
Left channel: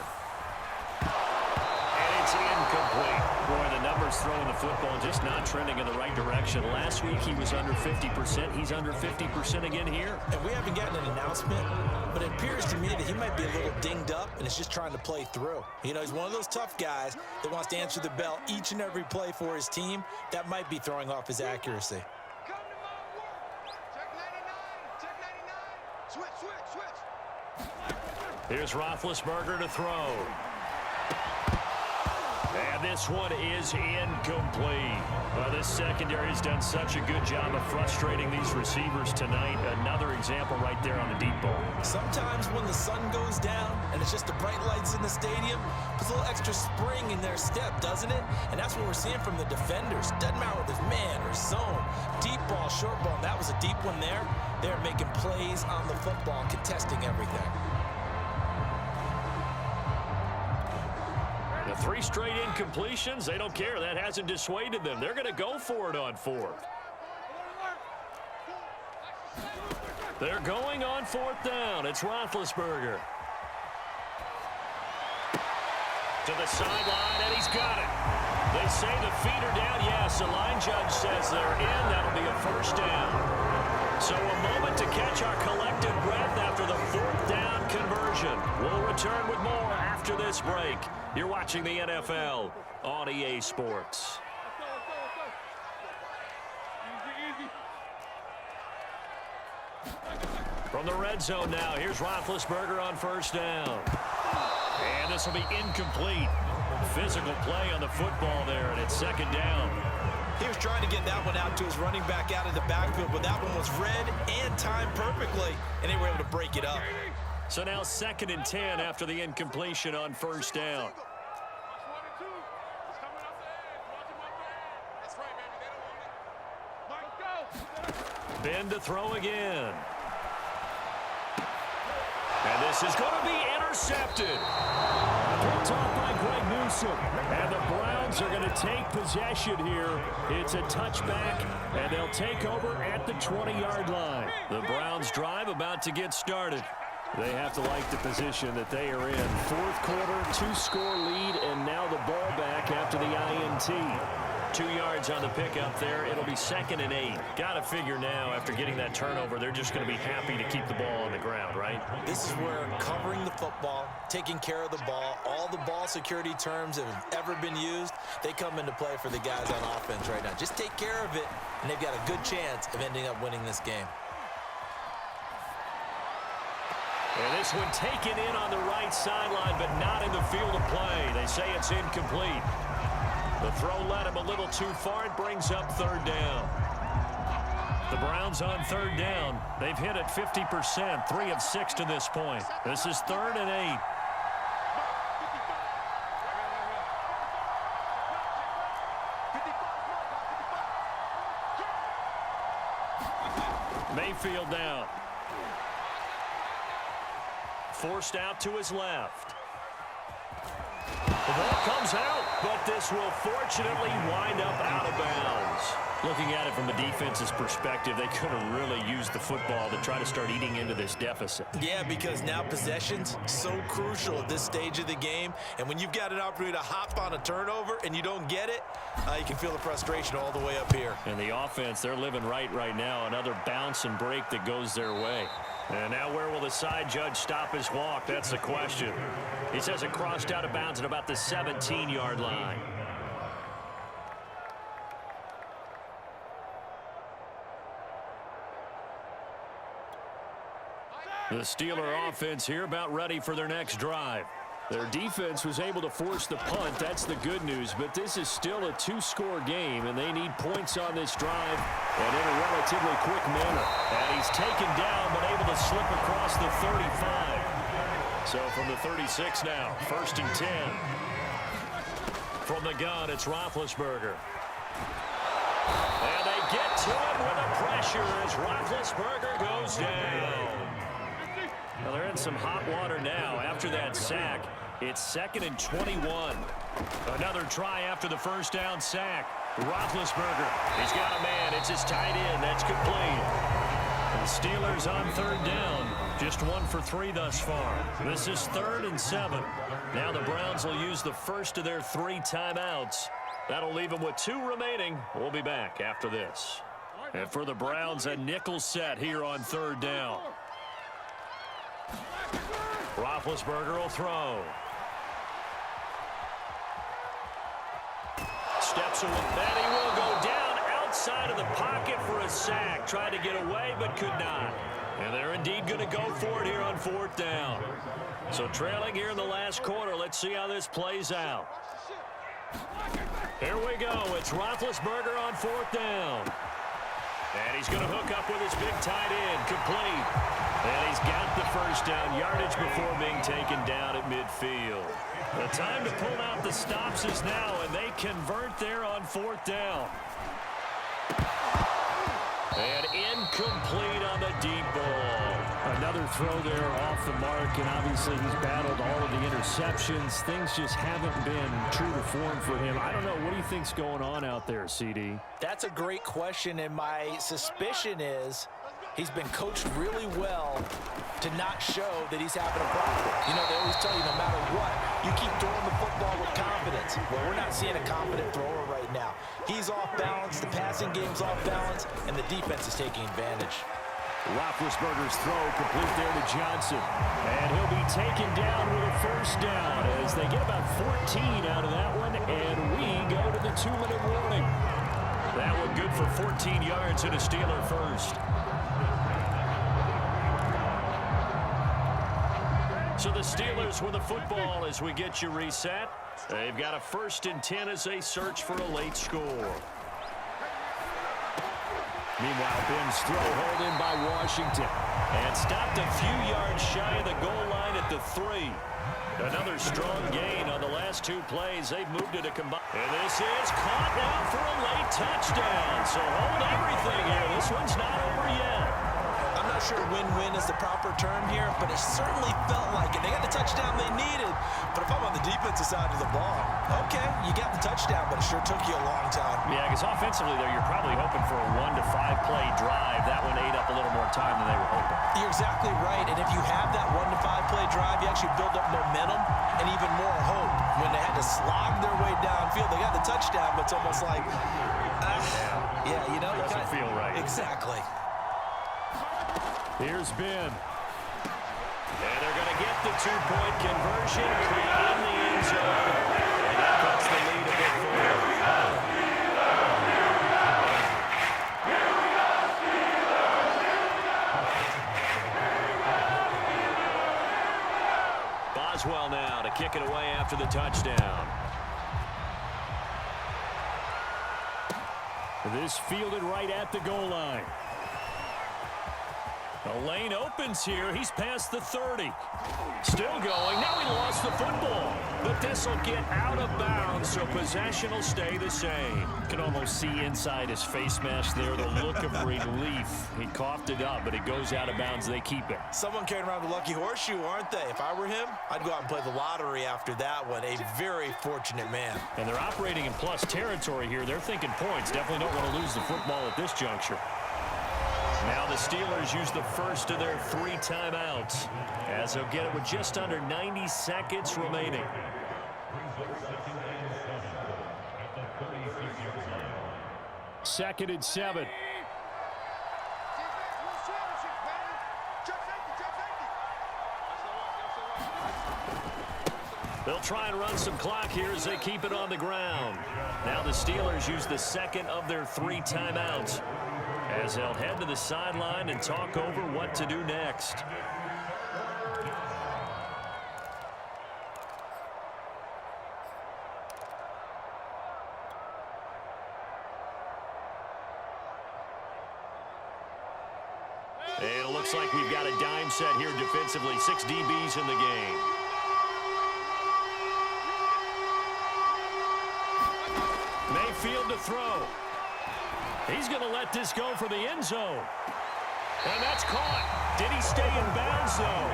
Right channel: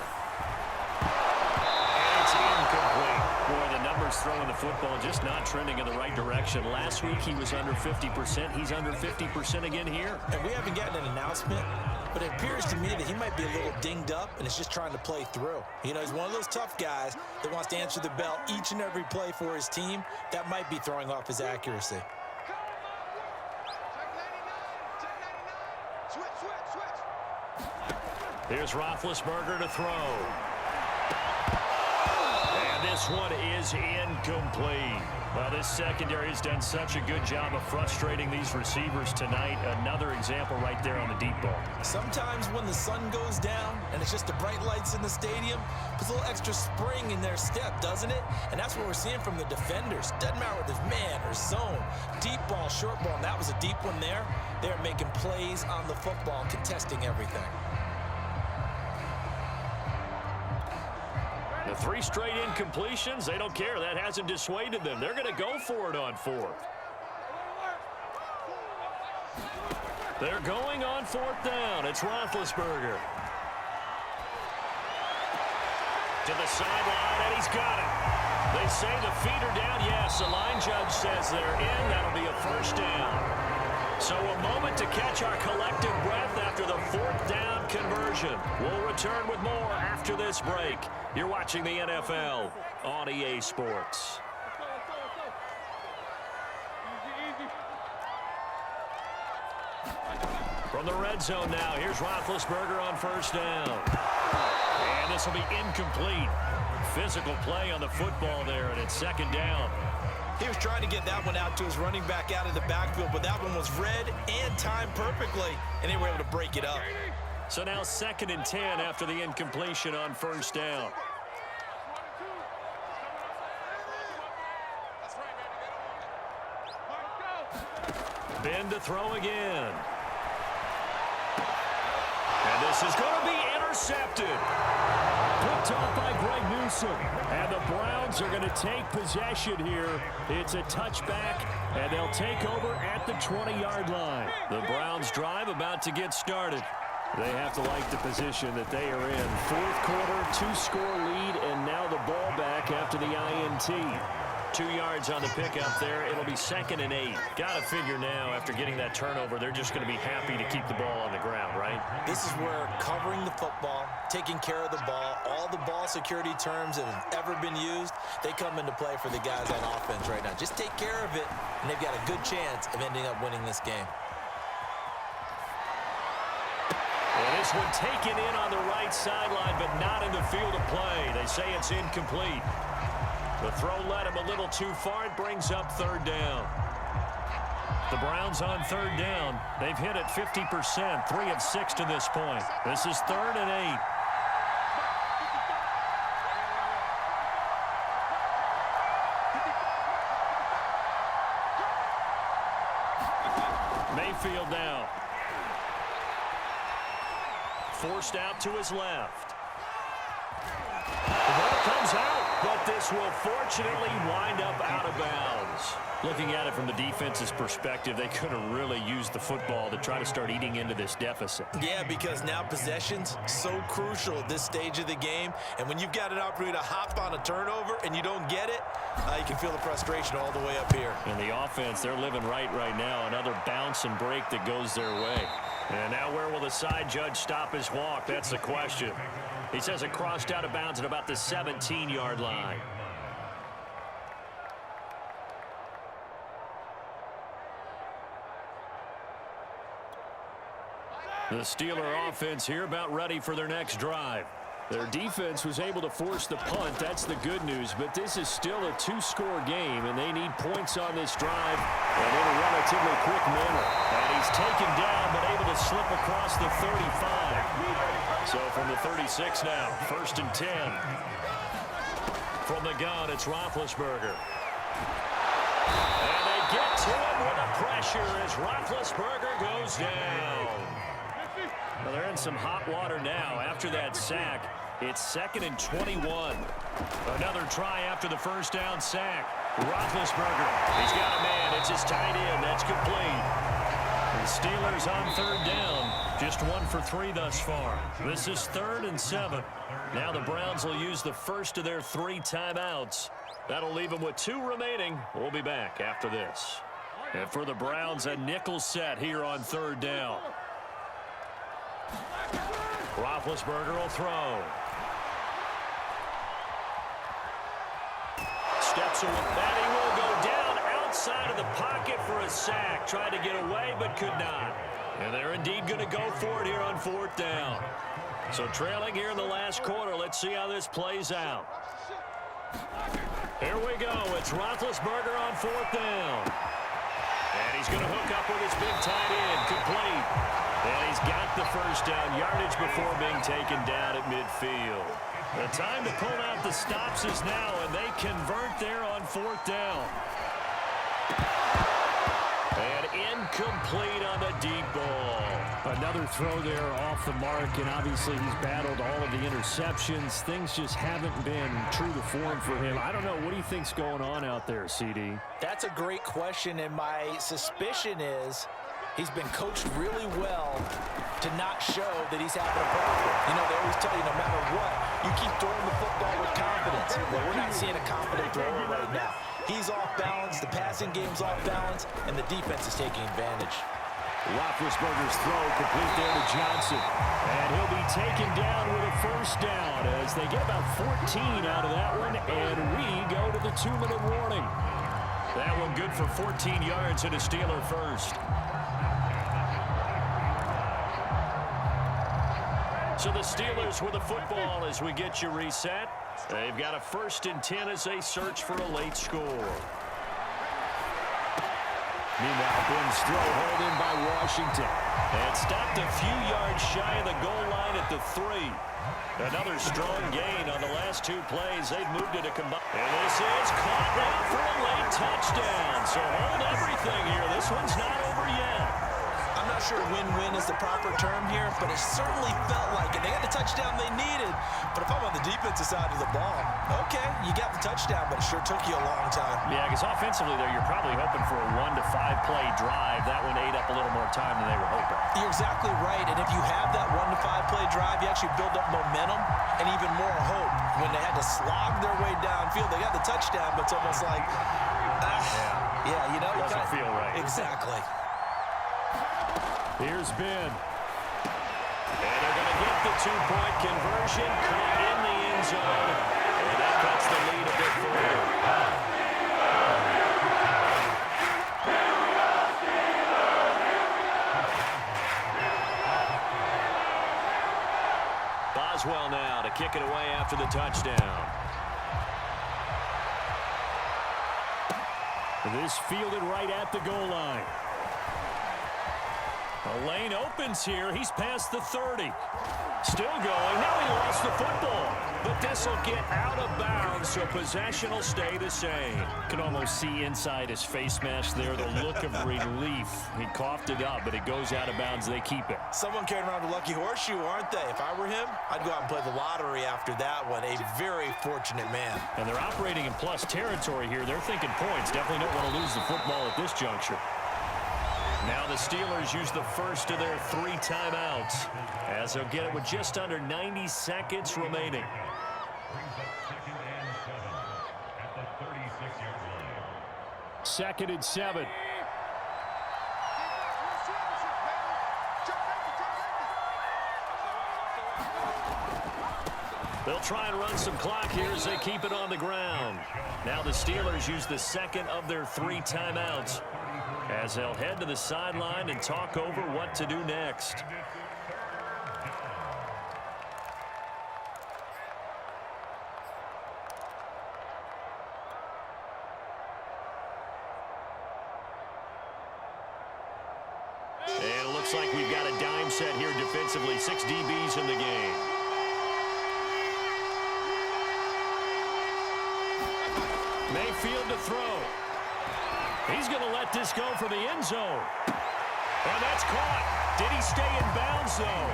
Incomplete. Boy, the numbers throwing the football just not trending in the right direction. Last week he was under 50%. He's under 50% again here. And we haven't gotten an announcement, but it appears to me that he might be a little dinged up and is just trying to play through. You know, he's one of those tough guys that wants to answer the bell each and every play for his team. That might be throwing off his accuracy. Here's Roethlisberger to throw. And this one is incomplete. Well, this secondary has done such a good job of frustrating these receivers tonight. Another example right there on the deep ball. Sometimes when the sun goes down and it's just the bright lights in the stadium, puts a little extra spring in their step, doesn't it? And that's what we're seeing from the defenders. Doesn't matter whether it's man or zone, deep ball, short ball, and that was a deep one there. They're making plays on the football, contesting everything. The 3 straight incompletions, they don't care. That hasn't dissuaded them. They're going to go for it on 4th. They're going on 4th down. It's Roethlisberger. To the sideline, and he's got it. They say the feet are down. Yes, the line judge says they're in. That'll be a first down. So a moment to catch our collective breath after the 4th down conversion. We'll return with more after this break. You're watching the NFL on EA Sports. From the red zone now, here's Roethlisberger on first down. And this will be incomplete. Physical play on the football there, and it's second down. He was trying to get that one out to his running back out of the backfield, but that one was read and timed perfectly, and they were able to break it up. So now 2nd and 10 after the incompletion on first down. Ben to throw again. And this is going to be intercepted. Picked off by Greg Newsome. And the Browns are going to take possession here. It's a touchback, and they'll take over at the 20-yard line. The Browns drive about to get started. They have to like the position that they are in. 4th quarter, 2-score lead, and now the ball back after the INT. 2 yards on the pickup there. It'll be 2nd and 8. Got to figure now, after getting that turnover, they're just going to be happy to keep the ball on the ground, right? This is where covering the football, taking care of the ball, all the ball security terms that have ever been used, they come into play for the guys on offense right now. Just take care of it, and they've got a good chance of ending up winning this game. And this one taken in on the right sideline, but not in the field of play. They say it's incomplete. The throw led him a little too far. It brings up 3rd down. The Browns on 3rd down. They've hit it 50%, 3 of 6 to this point. This is 3rd and 8. Mayfield now. Forced out to his left. The ball comes out, but this will fortunately wind up out of bounds. Looking at it from the defense's perspective, they could have really used the football to try to start eating into this deficit. Yeah, because now possession's so crucial at this stage of the game. And when you've got an opportunity to hop on a turnover and you don't get it, you can feel the frustration all the way up here. And the offense, they're living right now. Another bounce and break that goes their way. And now where will the side judge stop his walk? That's the question. He says it crossed out of bounds at about the 17-yard line. The Steeler offense here about ready for their next drive. Their defense was able to force the punt. That's the good news. But this is still a 2-score game, and they need points on this drive and in a relatively quick manner. And he's taken down but able to slip across the 35. So from the 36 now, 1st and 10. From the gun, it's Roethlisberger. And they get to him with the pressure as Roethlisberger goes down. Well, they're in some hot water now after that sack. It's 2nd and 21. Another try after the first down sack. Roethlisberger, he's got a man. It's his tight end. That's complete. The Steelers on third down. Just 1 for 3 thus far. This is 3rd and 7. Now the Browns will use the first of their 3 timeouts. That'll leave them with 2 remaining. We'll be back after this. And for the Browns, a nickel set here on third down. Roethlisberger will throw. Steps away. And he will go down outside of the pocket for a sack. Tried to get away, but could not. And they're indeed going to go for it here on 4th down. So trailing here in the last quarter. Let's see how this plays out. Here we go. It's Roethlisberger on 4th down. And he's going to hook up with his big tight end. Complete. And he's got the first down. Yardage before being taken down at midfield. The time to pull out the stops is now, and they convert there on 4th down. And incomplete on the deep ball. Another throw there off the mark, and obviously he's battled all of the interceptions. Things just haven't been true to form for him. I don't know. What do you think's going on out there, CD? That's a great question, and my suspicion is he's been coached really well to not show that he's having a problem. You know, they always tell you no matter what, you keep throwing the football with confidence. Well, we're not seeing a confident thrower right now. He's off balance, the passing game's off balance, and the defense is taking advantage. Roethlisberger's throw complete there to Johnson. And he'll be taken down with a first down as they get about 14 out of that one, and we go to the 2-minute warning. That one good for 14 yards and a Steeler first. So the Steelers with the football as we get you reset. They've got a 1st and 10 as they search for a late score. Meanwhile, Ben's throw hauled in by Washington. And stopped a few yards shy of the goal line at the 3. Another strong gain on the last 2 plays. They've moved it to combine. And this is caught now for a late touchdown. So hold everything here. This one's not over yet. I'm not sure win-win is the proper term here, but it certainly felt like it. They got the touchdown they needed, but if I'm on the defensive side of the ball, okay, you got the touchdown, but it sure took you a long time. Yeah, because offensively there, you're probably hoping for a 1 to 5 play drive. That one ate up a little more time than they were hoping. You're exactly right, and if you have that 1 to 5 play drive, you actually build up momentum and even more hope. When they had to slog their way downfield, they got the touchdown, but it's almost like, yeah, you know. Doesn't feel right. Exactly. Here's Ben. And they're going to get the 2-point conversion. Caught in the end zone. And that cuts the lead a bit further. Boswell now to kick it away after the touchdown. This fielded right at the goal line. The lane opens here. He's past the 30. Still going. Now he lost the football. But this will get out of bounds, so possession will stay the same. You can almost see inside his face mask there the look of relief. He coughed it up, but it goes out of bounds. They keep it. Someone carrying around the lucky horseshoe, aren't they? If I were him, I'd go out and play the lottery after that one. A very fortunate man. And they're operating in plus territory here. They're thinking points. Definitely don't want to lose the football at this juncture. Now the Steelers use the first of their 3 timeouts as they'll get it with just under 90 seconds remaining. Second and 7. They'll try and run some clock here as they keep it on the ground. Now the Steelers use the second of their 3 timeouts as they'll head to the sideline and talk over what to do next. And it looks like we've got a dime set here defensively. 6 DBs in the game. Mayfield to throw. He's going to let this go for the end zone. And that's caught. Did he stay in bounds, though?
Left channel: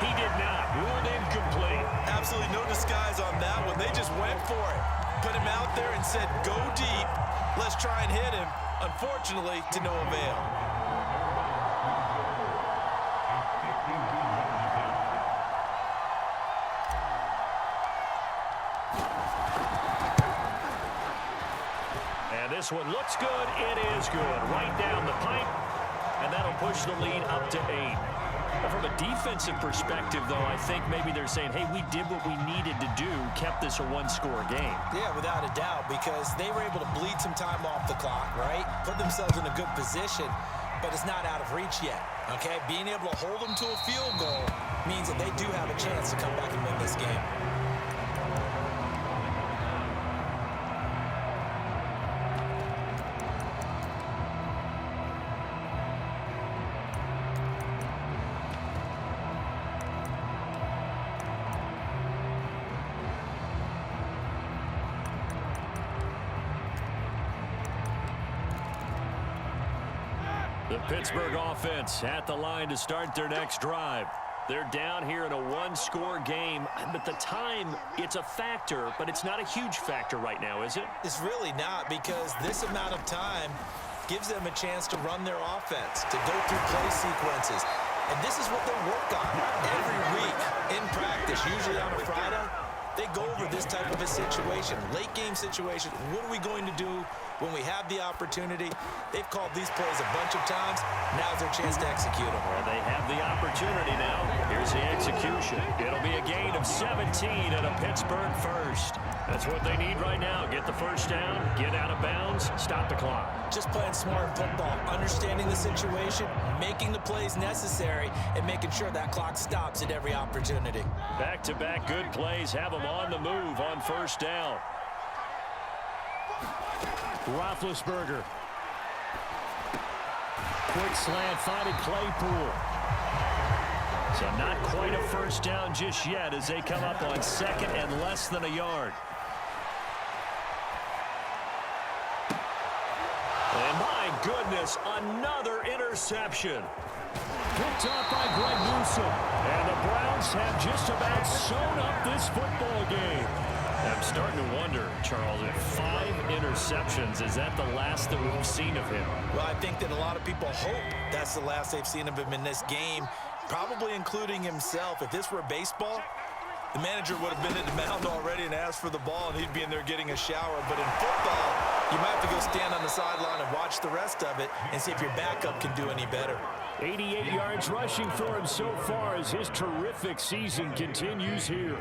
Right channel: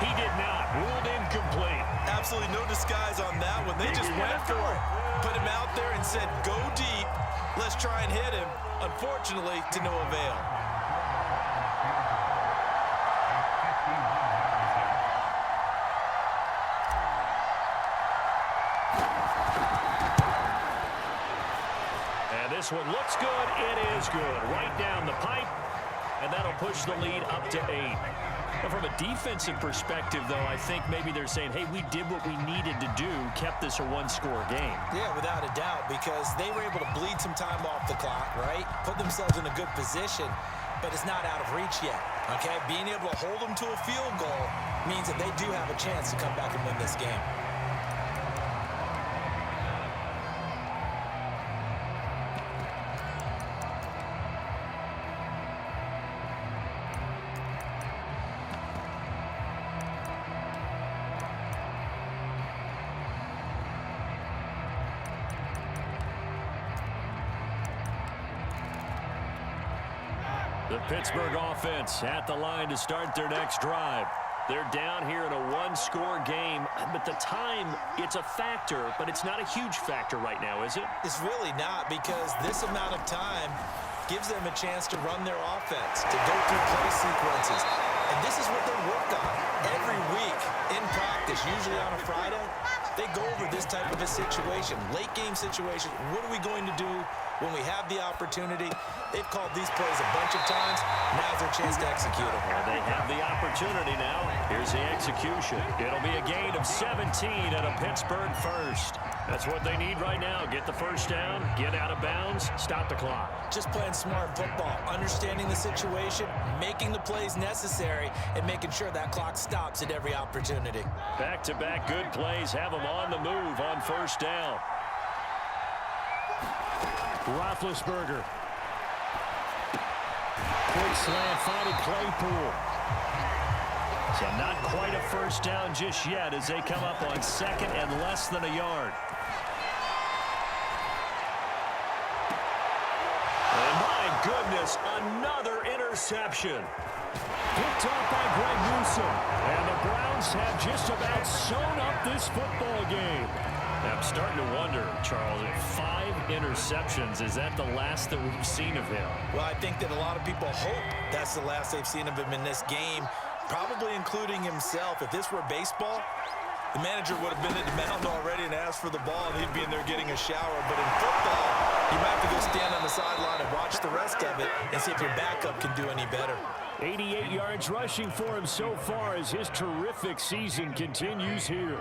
He did not. Ruled incomplete. Absolutely no disguise on that one. They just went for it. Put him out there and said, go deep. Let's try and hit him. Unfortunately, to no avail. this one looks good. It is good. Right down the pipe. And that'll push the lead up to 8. Now, from a defensive perspective, though, I think maybe they're saying, hey, we did what we needed to do, kept this a one-score game. Yeah, without a doubt, because they were able to bleed some time off the clock, right? Put themselves in a good position, but it's not out of reach yet, okay? Being able to hold them to a field goal means that they do have a chance to come back and win this game. The Pittsburgh offense at the line to start their next drive. They're down here in a one-score game, but the time, it's a factor, but it's not a huge factor right now, is it? It's really not, because this amount of time gives them a chance to run their offense, to go through play sequences. And this is what they work on every week in practice, usually on a Friday. They go over this type of a situation, late game situation. What are we going to do when we have the opportunity? They've called these plays a bunch of times. Now's their chance to execute them. Well, they have the opportunity now. Here's the execution. It'll be a gain of 17 and a Pittsburgh first. That's what they need right now. Get the first down, get out of bounds, stop the clock. Just playing smart football, understanding the situation, making the plays necessary, and making sure that clock stops at every opportunity. Back-to-back good plays have them on the move on first down. Roethlisberger. Quick slant finding Claypool. So not quite a first down just yet as they come up on second and less than a yard. And my goodness, another interception. Picked up by Greg Newsome. And the Browns have just about sewn up this football game. I'm starting to wonder, Charles, if 5 interceptions, is that the last that we've seen of him? Well, I think that a lot of people hope that's the last they've seen of him in this game, probably including himself. If this were baseball, the manager would have been at the mound already and asked for the ball, and he'd be in there getting a shower. But in football, you might have to go stand on the sideline and watch the rest of it and see if your backup can do any better. 88 yards rushing for him so far as his terrific season continues here.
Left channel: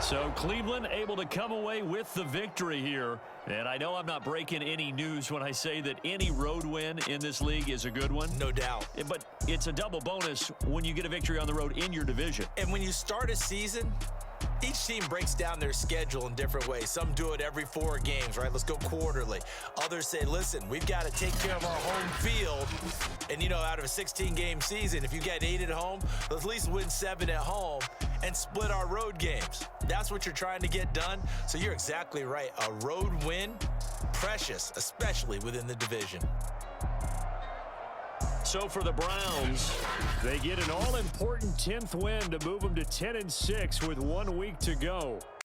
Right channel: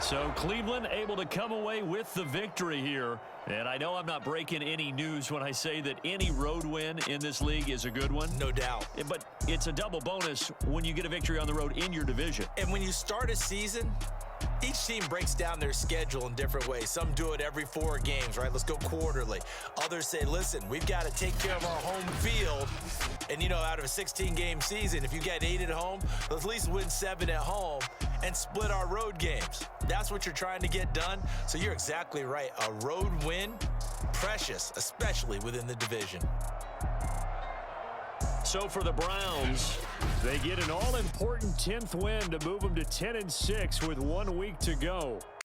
So Cleveland able to come away with the victory here. And I know I'm not breaking any news when I say that any road win in this league is a good one. No doubt. But it's a double bonus when you get a victory on the road in your division. And when you start a season, each team breaks down their schedule in different ways. Some do it every 4 games, right? Let's go quarterly. Others say, listen, we've got to take care of our home field. And, you know, out of a 16-game season, if you get 8 at home, let's at least win 7 at home and split our road games. That's what you're trying to get done. So you're exactly right. A road win, precious, especially within the division. So for the Browns, they get an all-important 10th win to move them to 10-6 with 1 week to go.